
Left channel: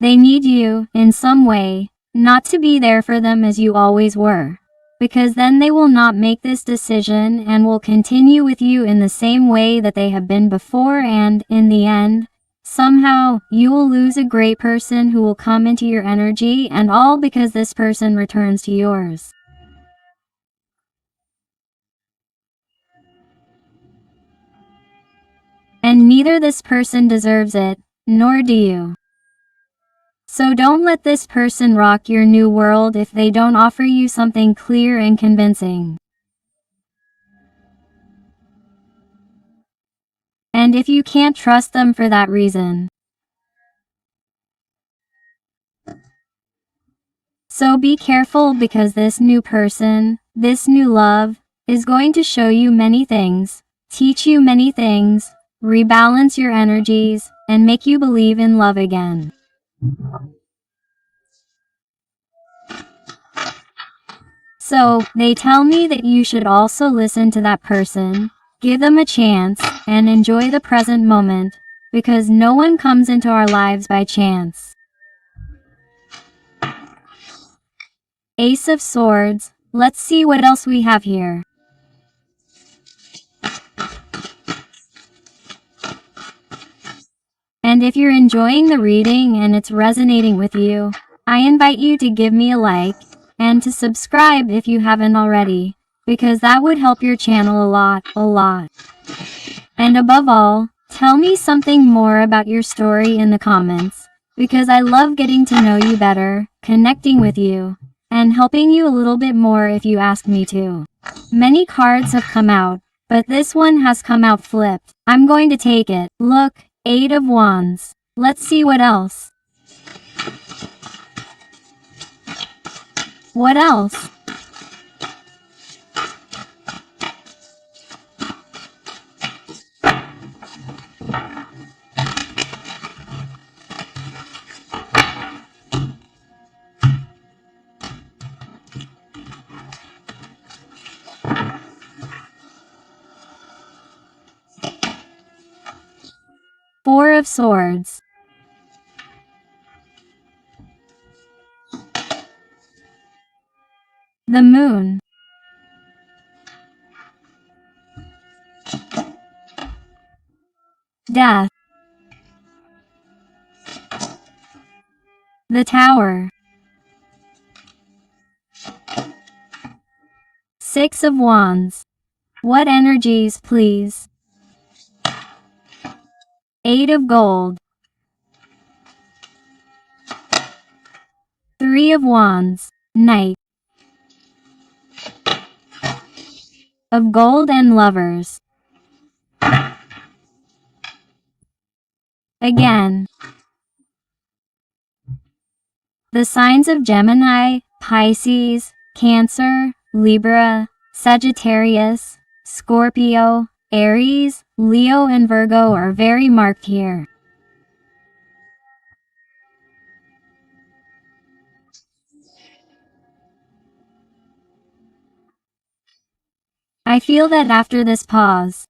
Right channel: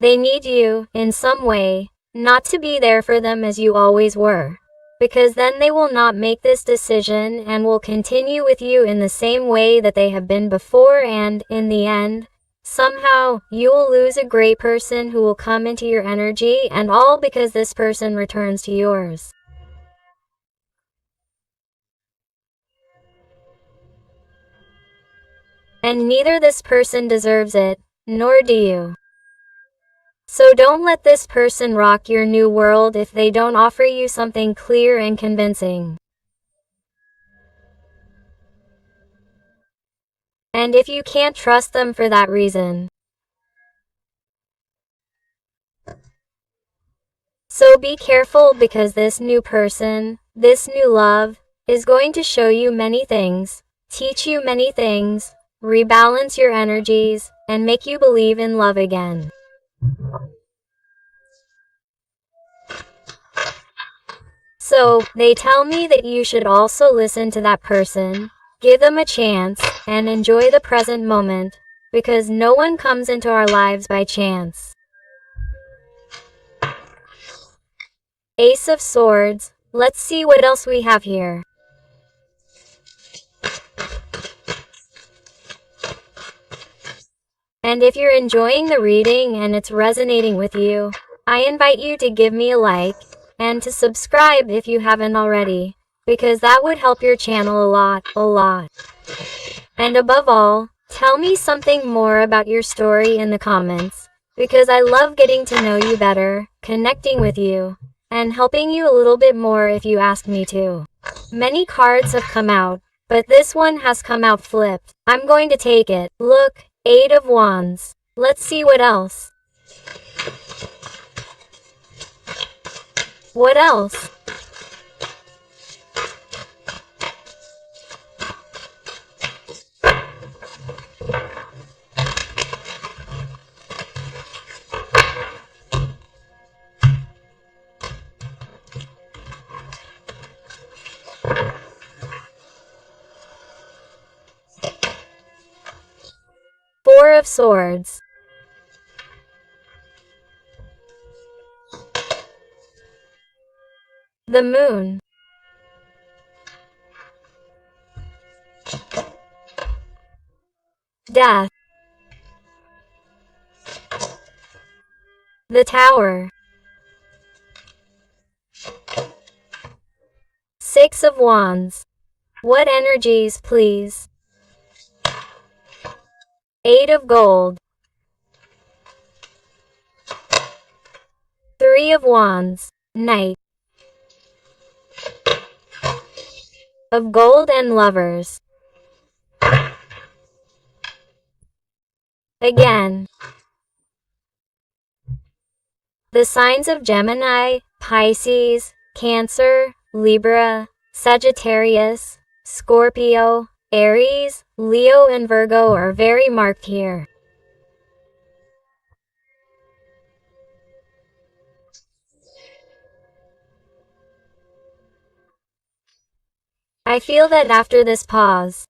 They need you, in some way, not to be there for them as you always were. Because then they will not make this decision and will continue with you in the same way that they have been before, and, in the end, somehow, you will lose a great person who will come into your energy, and all because this person returns to yours. And neither this person deserves it, nor do you. So don't let this person rock your new world if they don't offer you something clear and convincing. And if you can't trust them for that reason, so be careful, because this new person, this new love, is going to show you many things, teach you many things, rebalance your energies, and make you believe in love again. So, they tell me that you should also listen to that person, give them a chance, and enjoy the present moment, because no one comes into our lives by chance. Ace of Swords, let's see what else we have here. And if you're enjoying the reading and it's resonating with you, I invite you to give me a like, and to subscribe if you haven't already, because that would help your channel a lot. And above all, tell me something more about your story in the comments, because I love getting to know you better, connecting with you, and helping you a little bit more if you ask me to. Many cards have come out, but this one has come out flipped. I'm going to take it. Look, 8 of Wands. Let's see what else. What else? Four of Swords. The Moon. Death. The Tower. 6 of Wands. What energies, please? 8 of Gold. 3 of Wands. Knight. Of Gold and Lovers. Again. The signs of Gemini, Pisces, Cancer, Libra, Sagittarius, Scorpio, Aries, Leo and Virgo are very marked here. I feel that after this pause,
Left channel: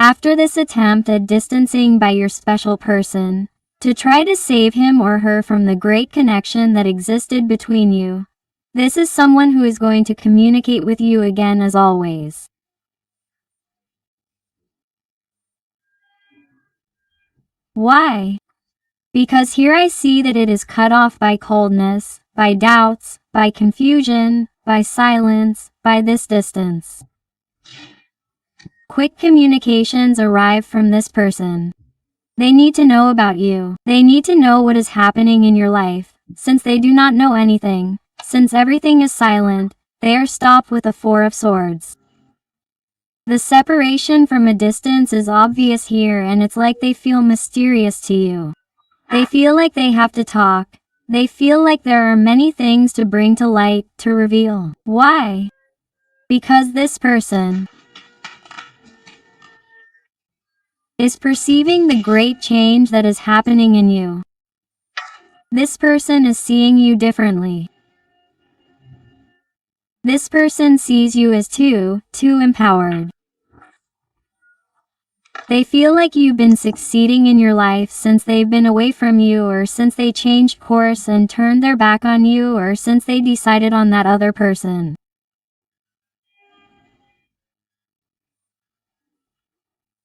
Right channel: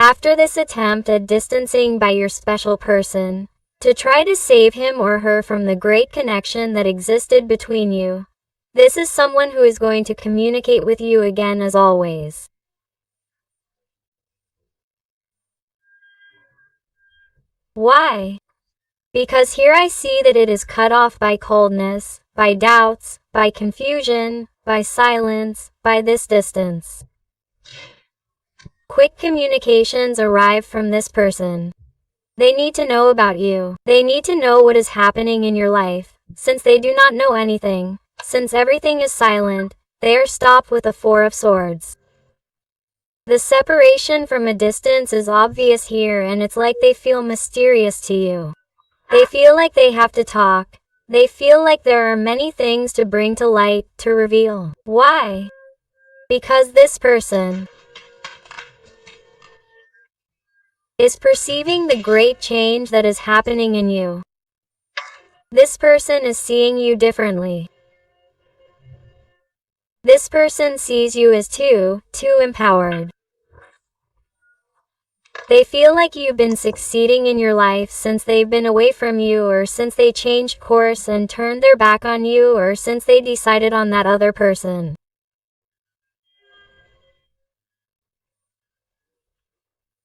after this attempt at distancing by your special person, to try to save him or her from the great connection that existed between you, this is someone who is going to communicate with you again as always. Why? Because here I see that it is cut off by coldness, by doubts, by confusion, by silence, by this distance. Quick communications arrive from this person. They need to know about you. They need to know what is happening in your life. Since they do not know anything, since everything is silent, they are stopped with the 4 of Swords. The separation from a distance is obvious here, and it's like they feel mysterious to you. They feel like they have to talk. They feel like there are many things to bring to light, to reveal. Why? Because this person is perceiving the great change that is happening in you. This person is seeing you differently. This person sees you as too empowered. They feel like you've been succeeding in your life since they've been away from you, or since they changed course and turned their back on you, or since they decided on that other person.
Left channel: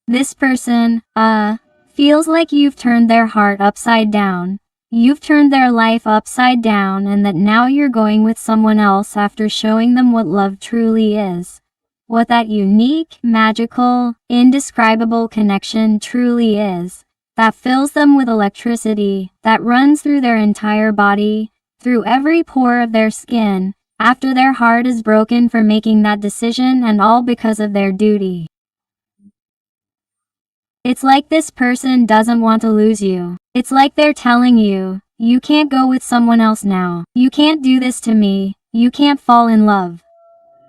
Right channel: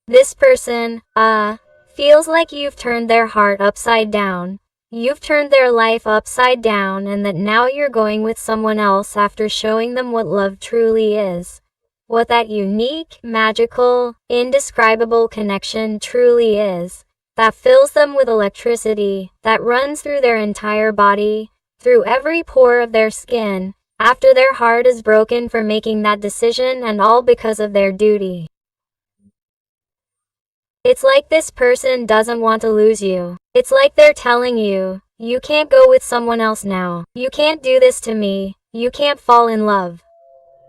This person, feels like you've turned their heart upside down. You've turned their life upside down, and that now you're going with someone else after showing them what love truly is. What that unique, magical, indescribable connection truly is. That fills them with electricity, that runs through their entire body, through every pore of their skin, after their heart is broken for making that decision, and all because of their duty. It's like this person doesn't want to lose you. It's like they're telling you, you can't go with someone else now. You can't do this to me. You can't fall in love.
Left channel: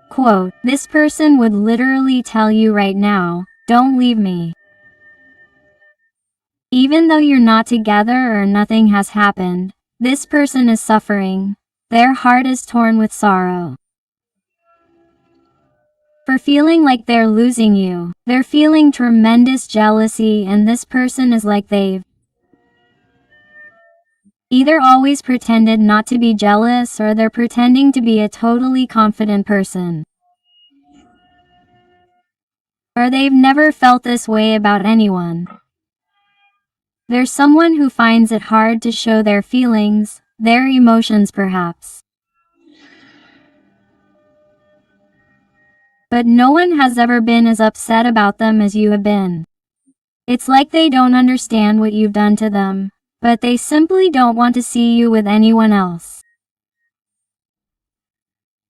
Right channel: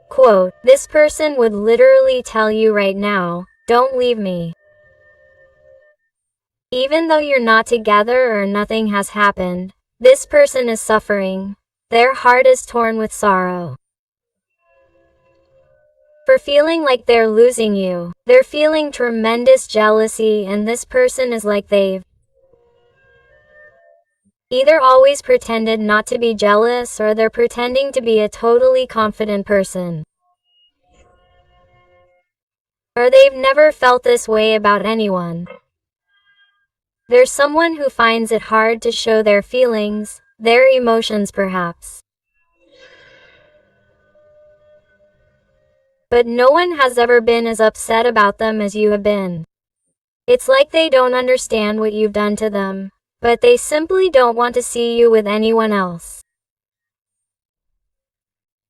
Quote, this person would literally tell you right now, don't leave me. Even though you're not together or nothing has happened, this person is suffering. Their heart is torn with sorrow. For feeling like they're losing you. They're feeling tremendous jealousy, and this person is like they've either always pretended not to be jealous, or they're pretending to be a totally confident person. Or they've never felt this way about anyone. They're someone who finds it hard to show their feelings, their emotions perhaps. But no one has ever been as upset about them as you have been. It's like they don't understand what you've done to them, but they simply don't want to see you with anyone else.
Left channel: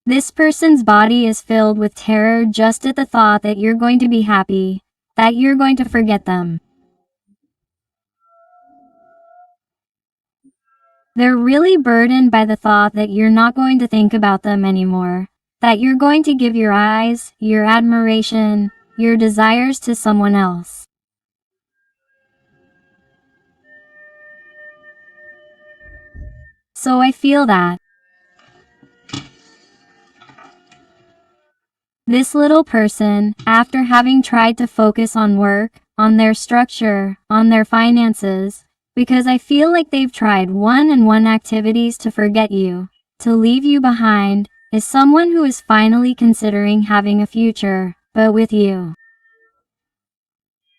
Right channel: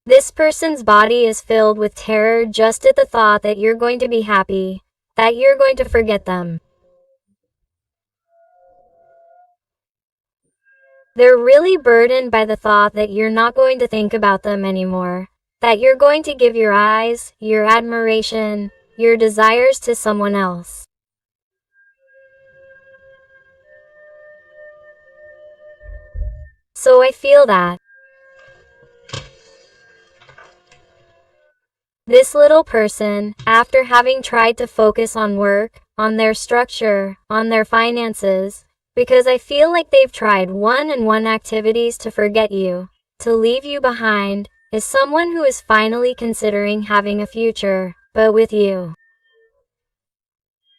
This person's body is filled with terror just at the thought that you're going to be happy, that you're going to forget them. They're really burdened by the thought that you're not going to think about them anymore, that you're going to give your eyes, your admiration, your desires to someone else. So I feel that this little person, after having tried to focus on work, on their structure, on their finances, because I feel like they've tried one-on-one activities to forget you, to leave you behind, is someone who is finally considering having a future, but with you.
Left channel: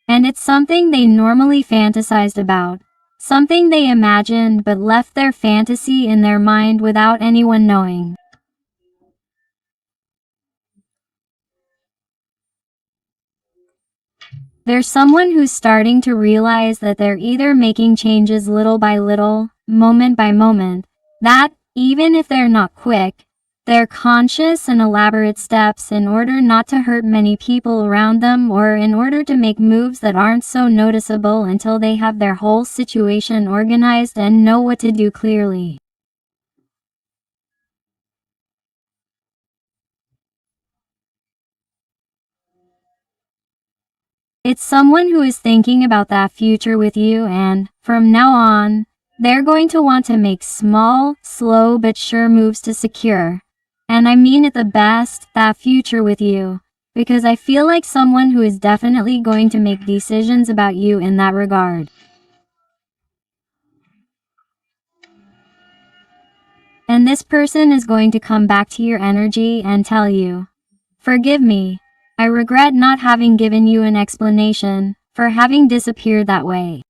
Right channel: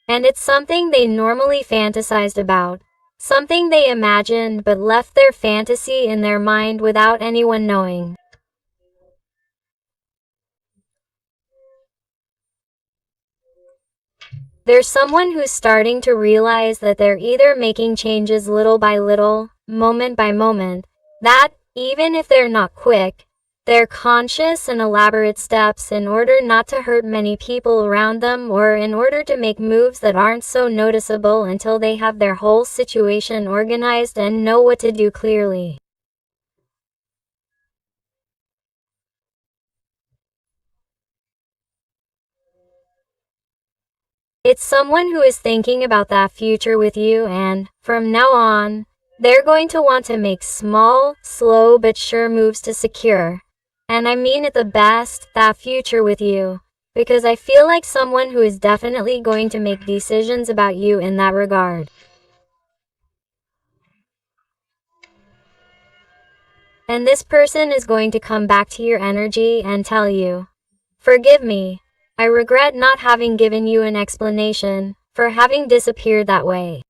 And it's something they normally fantasized about, something they imagined but left their fantasy in their mind without anyone knowing. There's someone who's starting to realize that they're either making changes little by little, moment by moment, that, even if they're not quick, they're conscious and elaborate steps in order not to hurt many people around them, or in order to make moves that aren't so noticeable until they have their whole situation organized and know what to do clearly. It's someone who is thinking about that future with you, and, from now on, they're going to want to make small, slow but sure moves to secure, and I mean it the best, that future with you, because I feel like someone who is definitely going to make decisions about you in that regard. And this person is going to come back to your energy and tell you, forgive me. I regret not having given you an explanation for having disappeared that way.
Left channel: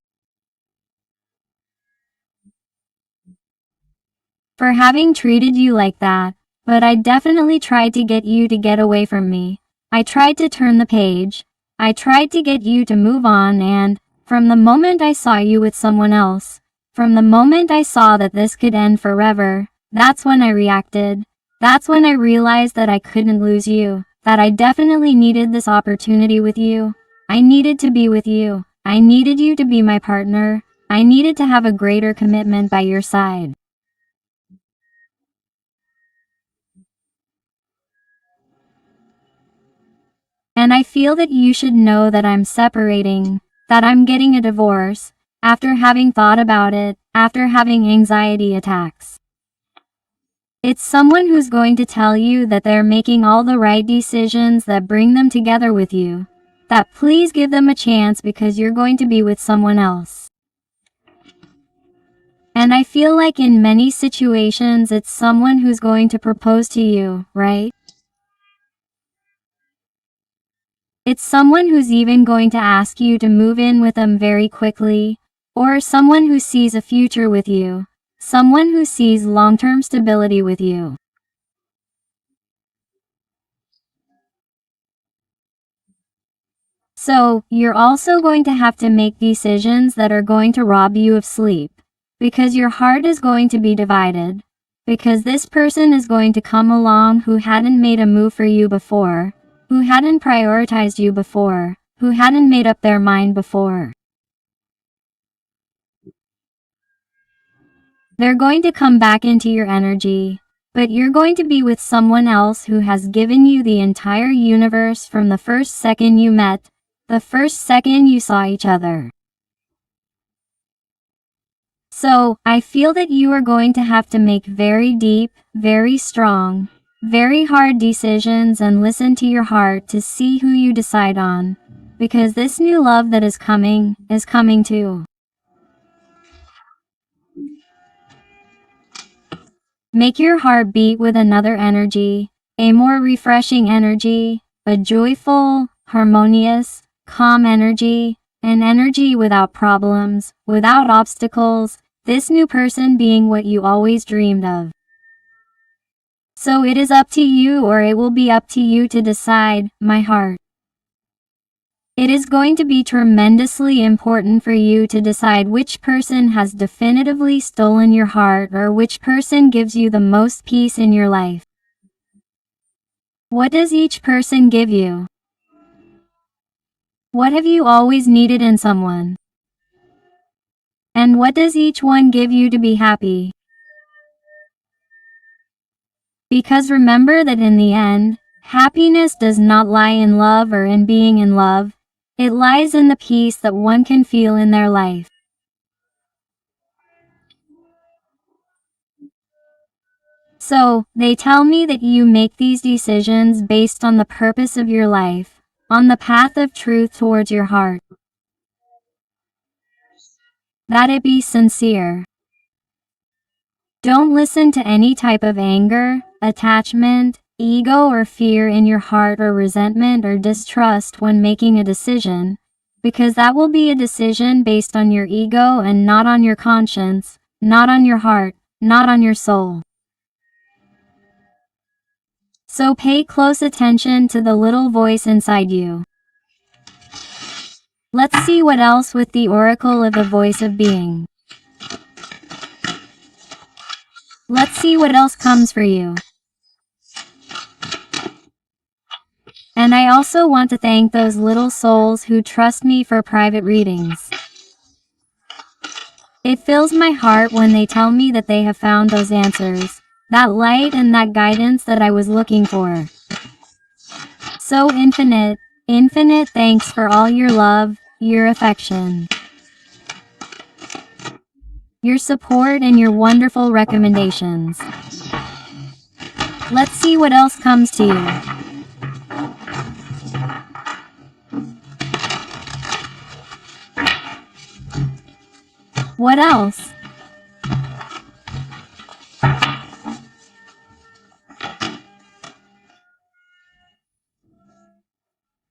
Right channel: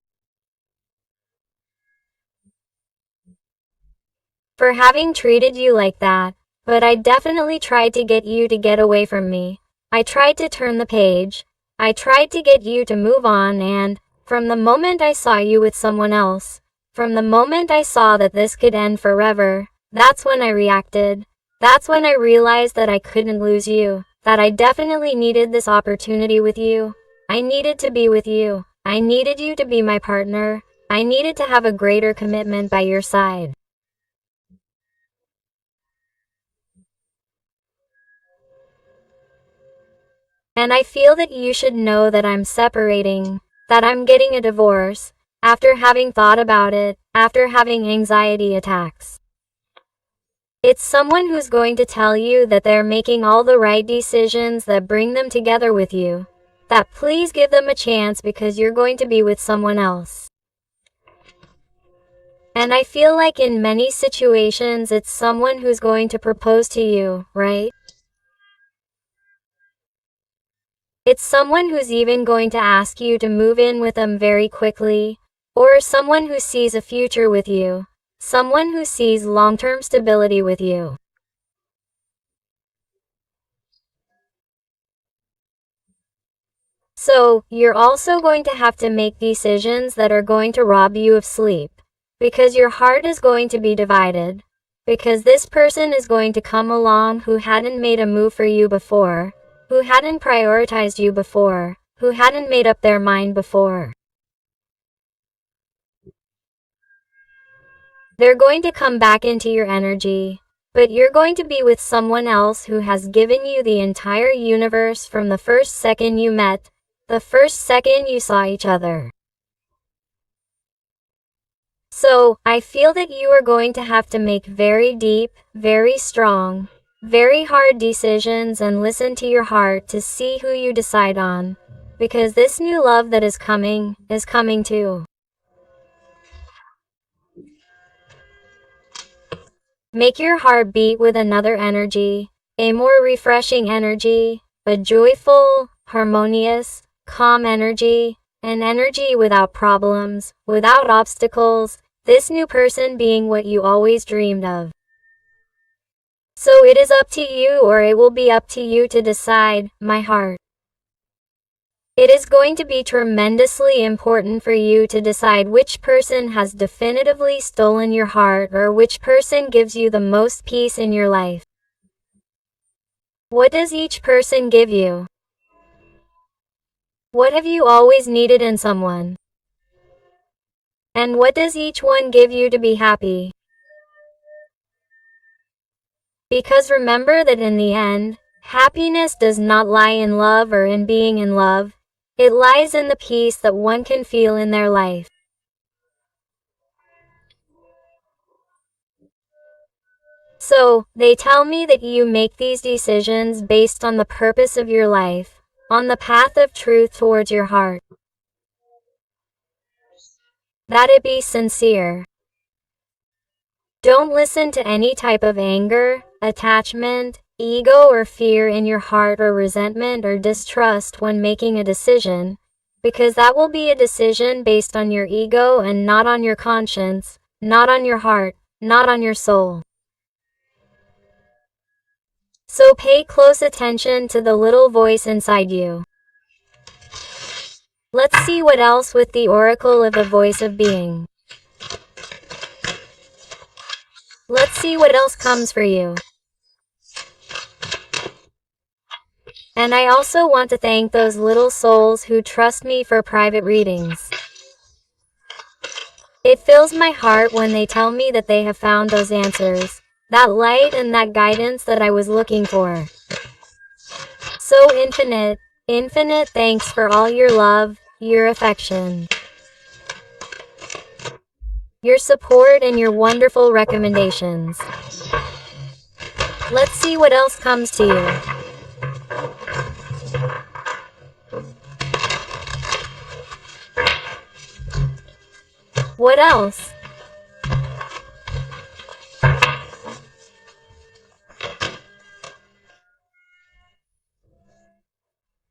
For having treated you like that, but I definitely tried to get you to get away from me. I tried to turn the page. I tried to get you to move on, and from the moment I saw you with someone else, from the moment I saw that this could end forever, that's when I reacted. That's when I realized that I couldn't lose you, that I definitely needed this opportunity with you. I needed to be with you. I needed you to be my partner. I needed to have a greater commitment by your side. And I feel that you should know that I'm separating, that I'm getting a divorce, after having thought about it, after having anxiety attacks. It's someone who's going to tell you that they're making all the right decisions that bring them together with you. That please give them a chance because you're going to be with someone else. And I feel like in many situations it's someone who's going to propose to you, right? It's someone who's even going to ask you to move in with them very quickly, or someone who sees a future with you, someone who sees long-term stability with you. So, you're also going to have to make decisions that are going to rob you of sleep, because your heart is going to be divided, because this person is going to come along who hadn't made a move for you before, who hadn't prioritized you before, who hadn't made up their mind before. They're going to come back into your energy, but you're going to be with someone else who has given you the entire universe from the first second you met, the first second you saw each other. So, I feel that you are going to have to make very deep, very strong, very hard decisions and listen to your heart to see who you decide on. Because this new love that is coming too. Make your heart beat with another energy, a more refreshing energy, a joyful, harmonious, calm energy, an energy without problems, without obstacles, this new person being what you always dreamed of. So it is up to you, or it will be up to you to decide, my heart. It is going to be tremendously important for you to decide which person has definitively stolen your heart or which person gives you the most peace in your life. What does each person give you? What have you always needed in someone? And what does each one give you to be happy? Because remember that in the end, happiness does not lie in love or in being in love. It lies in the peace that one can feel in their life. So, they tell me that you make these decisions based on the purpose of your life, on the path of truth towards your heart. That it be sincere. Don't listen to any type of anger, attachment, ego or fear in your heart or resentment or distrust when making a decision, because that will be a decision based on your ego and not on your conscience, not on your heart, not on your soul. So pay close attention to the little voice inside you. Let's see what else with the oracle of the voice of being. Let's see what else comes for you. And I also want to thank those little souls who trust me for private readings. It fills my heart when they tell me that they have found those answers, that light and that guidance that I was looking for. So infinite thanks for all your love, your affection, your support and your wonderful recommendations. Let's see what else comes to you. What else?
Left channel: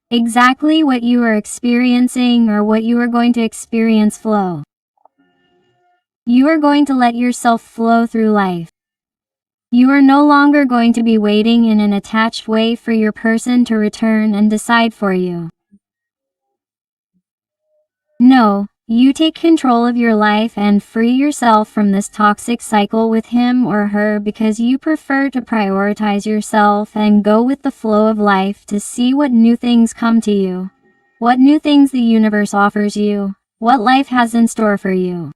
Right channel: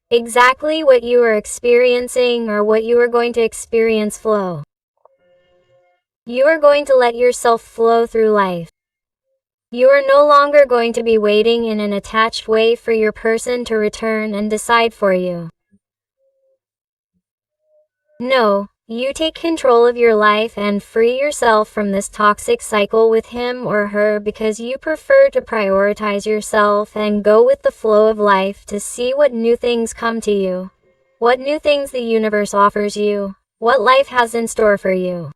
Exactly what you are experiencing or what you are going to experience flow. You are going to let yourself flow through life. You are no longer going to be waiting in an attached way for your person to return and decide for you. No, you take control of your life and free yourself from this toxic cycle with him or her because you prefer to prioritize yourself and go with the flow of life to see what new things come to you, what new things the universe offers you, what life has in store for you.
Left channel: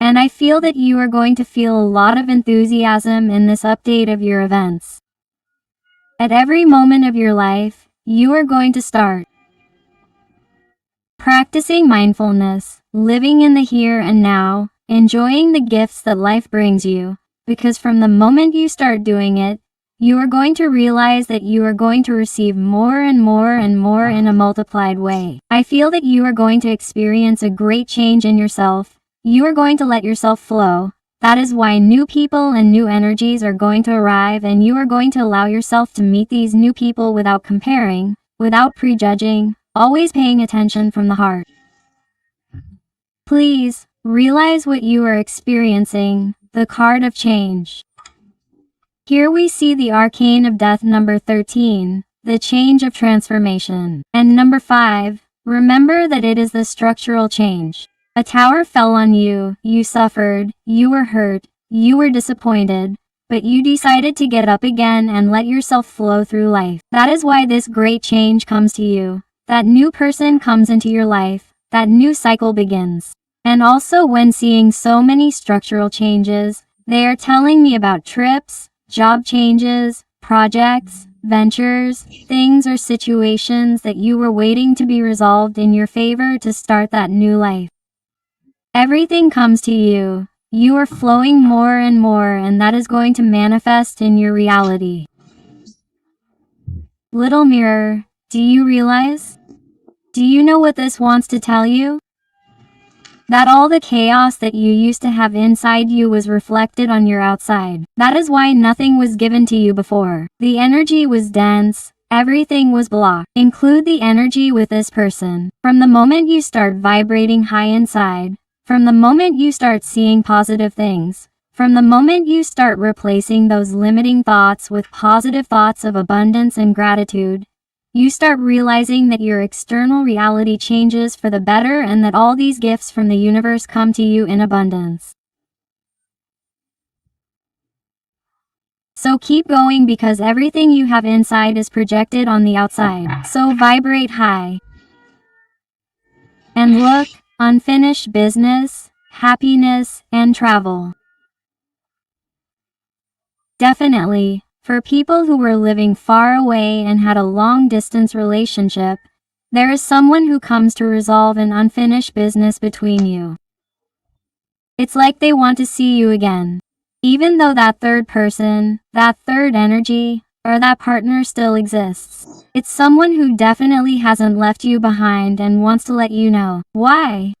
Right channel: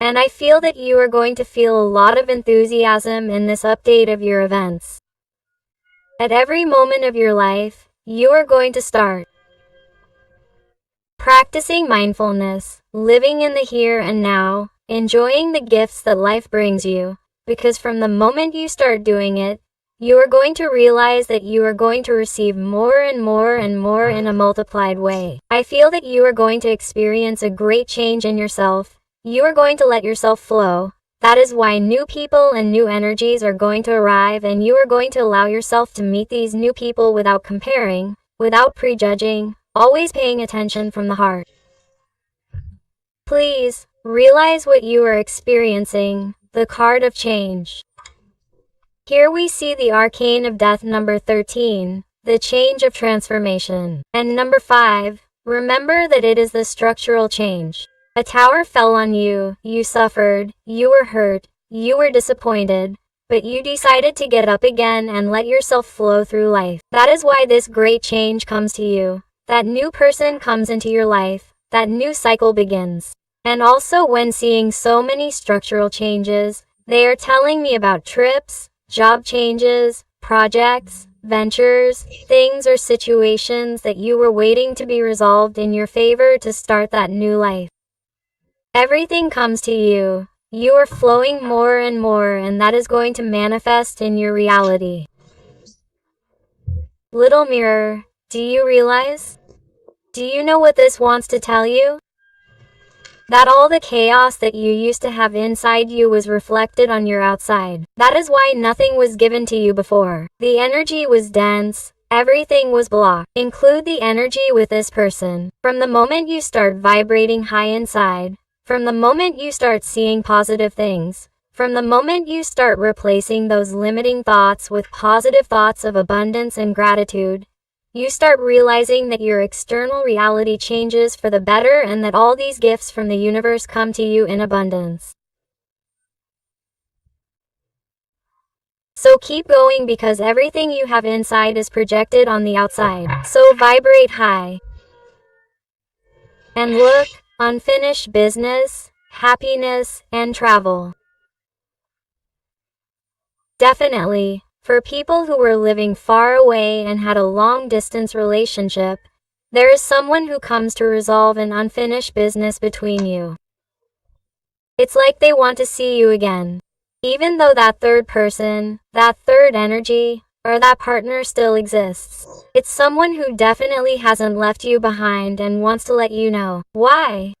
And I feel that you are going to feel a lot of enthusiasm in this update of your events. At every moment of your life, you are going to start practicing mindfulness, living in the here and now, enjoying the gifts that life brings you, because from the moment you start doing it, you are going to realize that you are going to receive more and more and more in a multiplied way. I feel that you are going to experience a great change in yourself. You are going to let yourself flow. That is why new people and new energies are going to arrive, and you are going to allow yourself to meet these new people without comparing, without prejudging, always paying attention from the heart. Please, realize what you are experiencing, the card of change. Here we see the arcane of death number 13, the change of transformation. And number 5, remember that it is the structural change. A tower fell on you, you suffered, you were hurt, you were disappointed, but you decided to get up again and let yourself flow through life. That is why this great change comes to you. That new person comes into your life, that new cycle begins. And also, when seeing so many structural changes, they are telling me about trips, job changes, projects, ventures, things or situations that you were waiting to be resolved in your favor to start that new life. Everything comes to you. You are flowing more and more, and that is going to manifest in your reality. Little mirror, do you realize? Do you know what this wants to tell you? That all the chaos that you used to have inside you was reflected on your outside. That is why nothing was given to you before. The energy was dense, everything was blocked. Include the energy with this person. From the moment you start vibrating high inside, from the moment you start seeing positive things, from the moment you start replacing those limiting thoughts with positive thoughts of abundance and gratitude, you start realizing that your external reality changes for the better and that all these gifts from the universe come to you in abundance. So keep going, because everything you have inside is projected on the outside. So vibrate high. And look, unfinished business, happiness, and travel. Definitely. For people who were living far away and had a long-distance relationship, there is someone who comes to resolve an unfinished business between you. It's like they want to see you again. Even though that third person, that third energy, or that partner still exists. It's someone who definitely hasn't left you behind and wants to let you know. Why?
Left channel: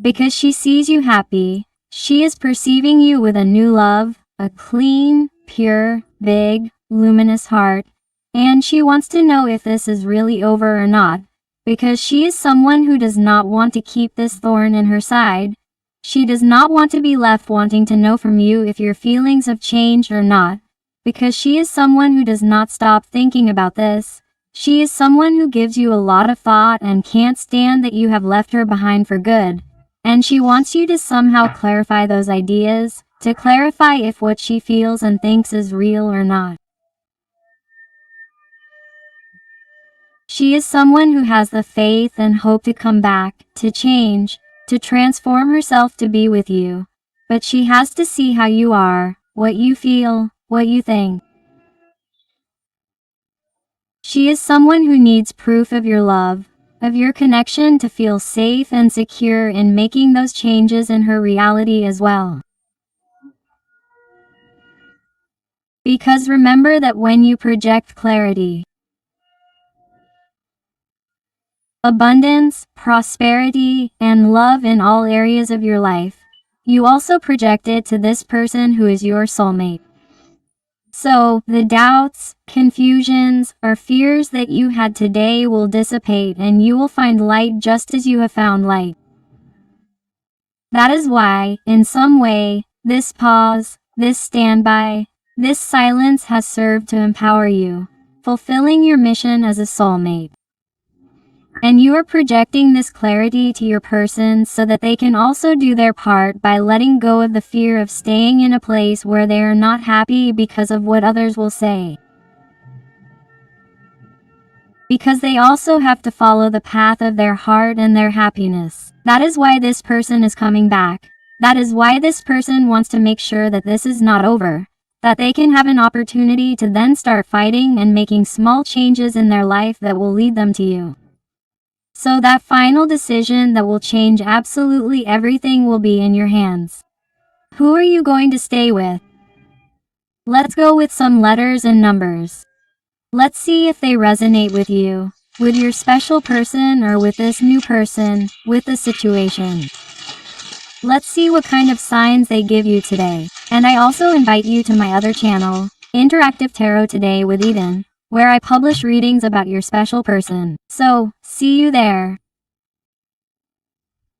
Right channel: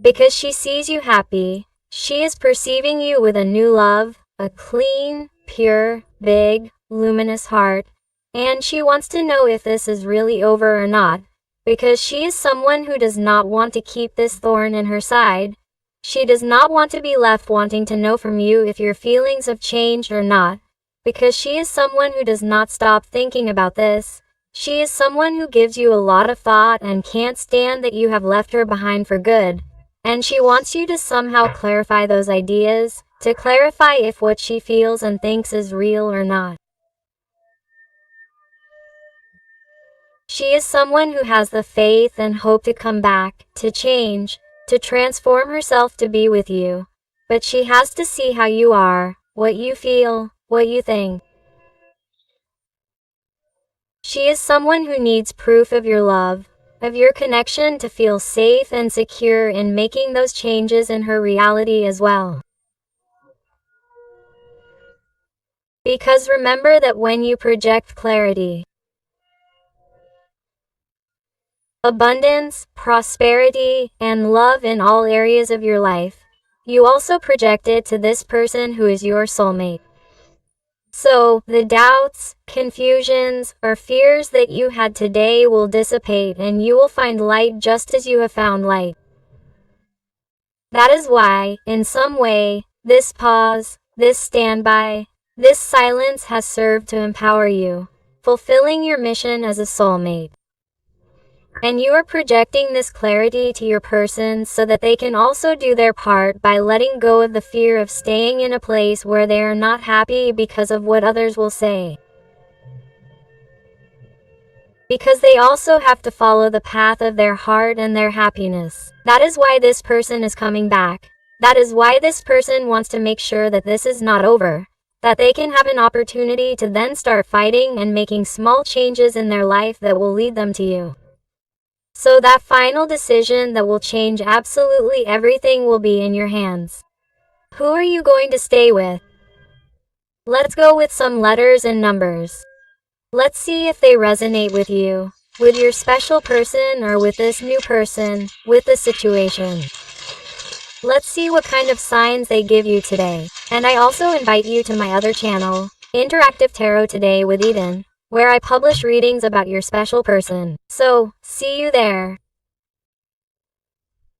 Because she sees you happy. She is perceiving you with a new love, a clean, pure, big, luminous heart, and she wants to know if this is really over or not, because she is someone who does not want to keep this thorn in her side. She does not want to be left wanting to know from you if your feelings have changed or not, because she is someone who does not stop thinking about this. She is someone who gives you a lot of thought and can't stand that you have left her behind for good, and she wants you to somehow clarify those ideas, to clarify if what she feels and thinks is real or not. She is someone who has the faith and hope to come back, to change, to transform herself to be with you. But she has to see how you are, what you feel, what you think. She is someone who needs proof of your love, of your connection, to feel safe and secure in making those changes in her reality as well. Because remember that when you project clarity, abundance, prosperity, and love in all areas of your life, you also project it to this person who is your soulmate. So, the doubts, confusions, or fears that you had today will dissipate, and you will find light just as you have found light. That is why, in some way, this pause, this standby, this silence has served to empower you, fulfilling your mission as a soulmate. And you are projecting this clarity to your person so that they can also do their part by letting go of the fear of staying in a place where they are not happy because of what others will say. Because they also have to follow the path of their heart and their happiness. That is why this person is coming back. That is why this person wants to make sure that this is not over, that they can have an opportunity to then start fighting and making small changes in their life that will lead them to you. So that final decision that will change absolutely everything will be in your hands. Who are you going to stay with? Let's go with some letters and numbers. Let's see if they resonate with you, with your special person, or with this new person, with the situation. Let's see what kind of signs they give you today. And I also invite you to my other channel, Interactive Tarot Today with Eden, where I publish readings about your special person. So, see you there.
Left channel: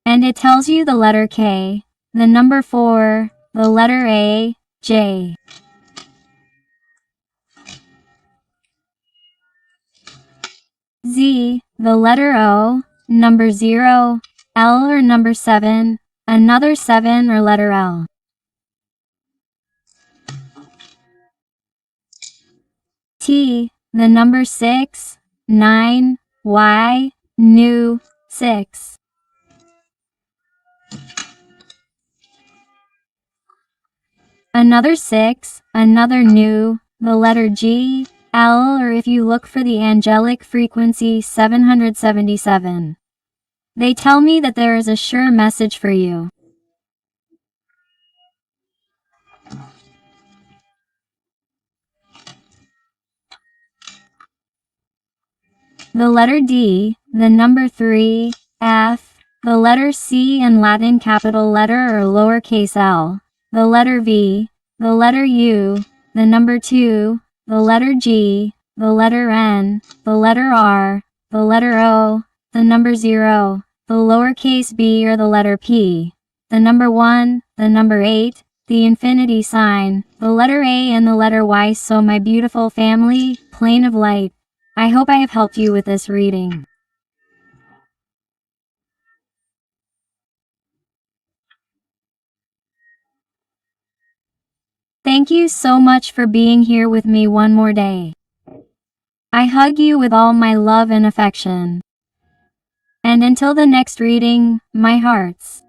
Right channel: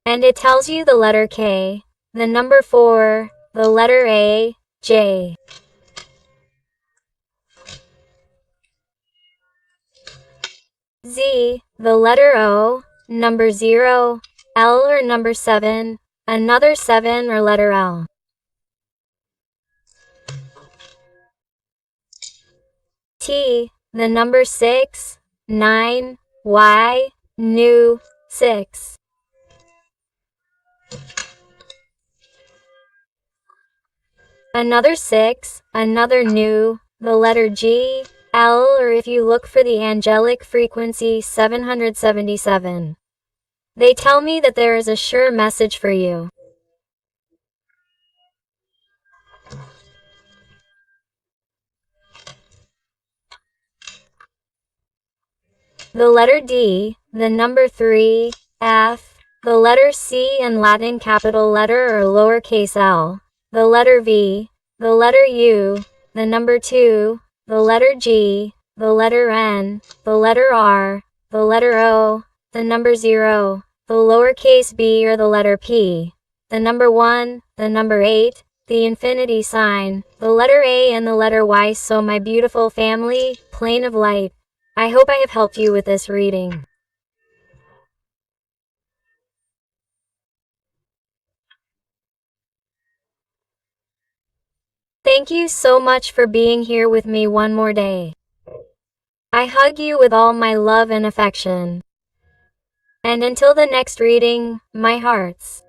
And it tells you the letter K, the number 4, the letter A, J. Z, the letter O, number 0, L or number 7, another 7 or letter L. T, the number 6, 9, Y, new, 6. Another 6, another new, the letter G, L, or if you look for the angelic frequency 777. They tell me that there is a sure message for you. The letter D, the number 3, F, the letter C and Latin capital letter or lowercase l, the letter V, the letter U, the number 2, the letter G, the letter N, the letter R, the letter O, the number 0, the lowercase b or the letter P, the number 1, the number 8, the infinity sign, the letter A and the letter Y. So my beautiful family, plane of light, I hope I have helped you with this reading. Thank you so much for being here with me one more day. I hug you with all my love and affection. And until the next reading, my hearts.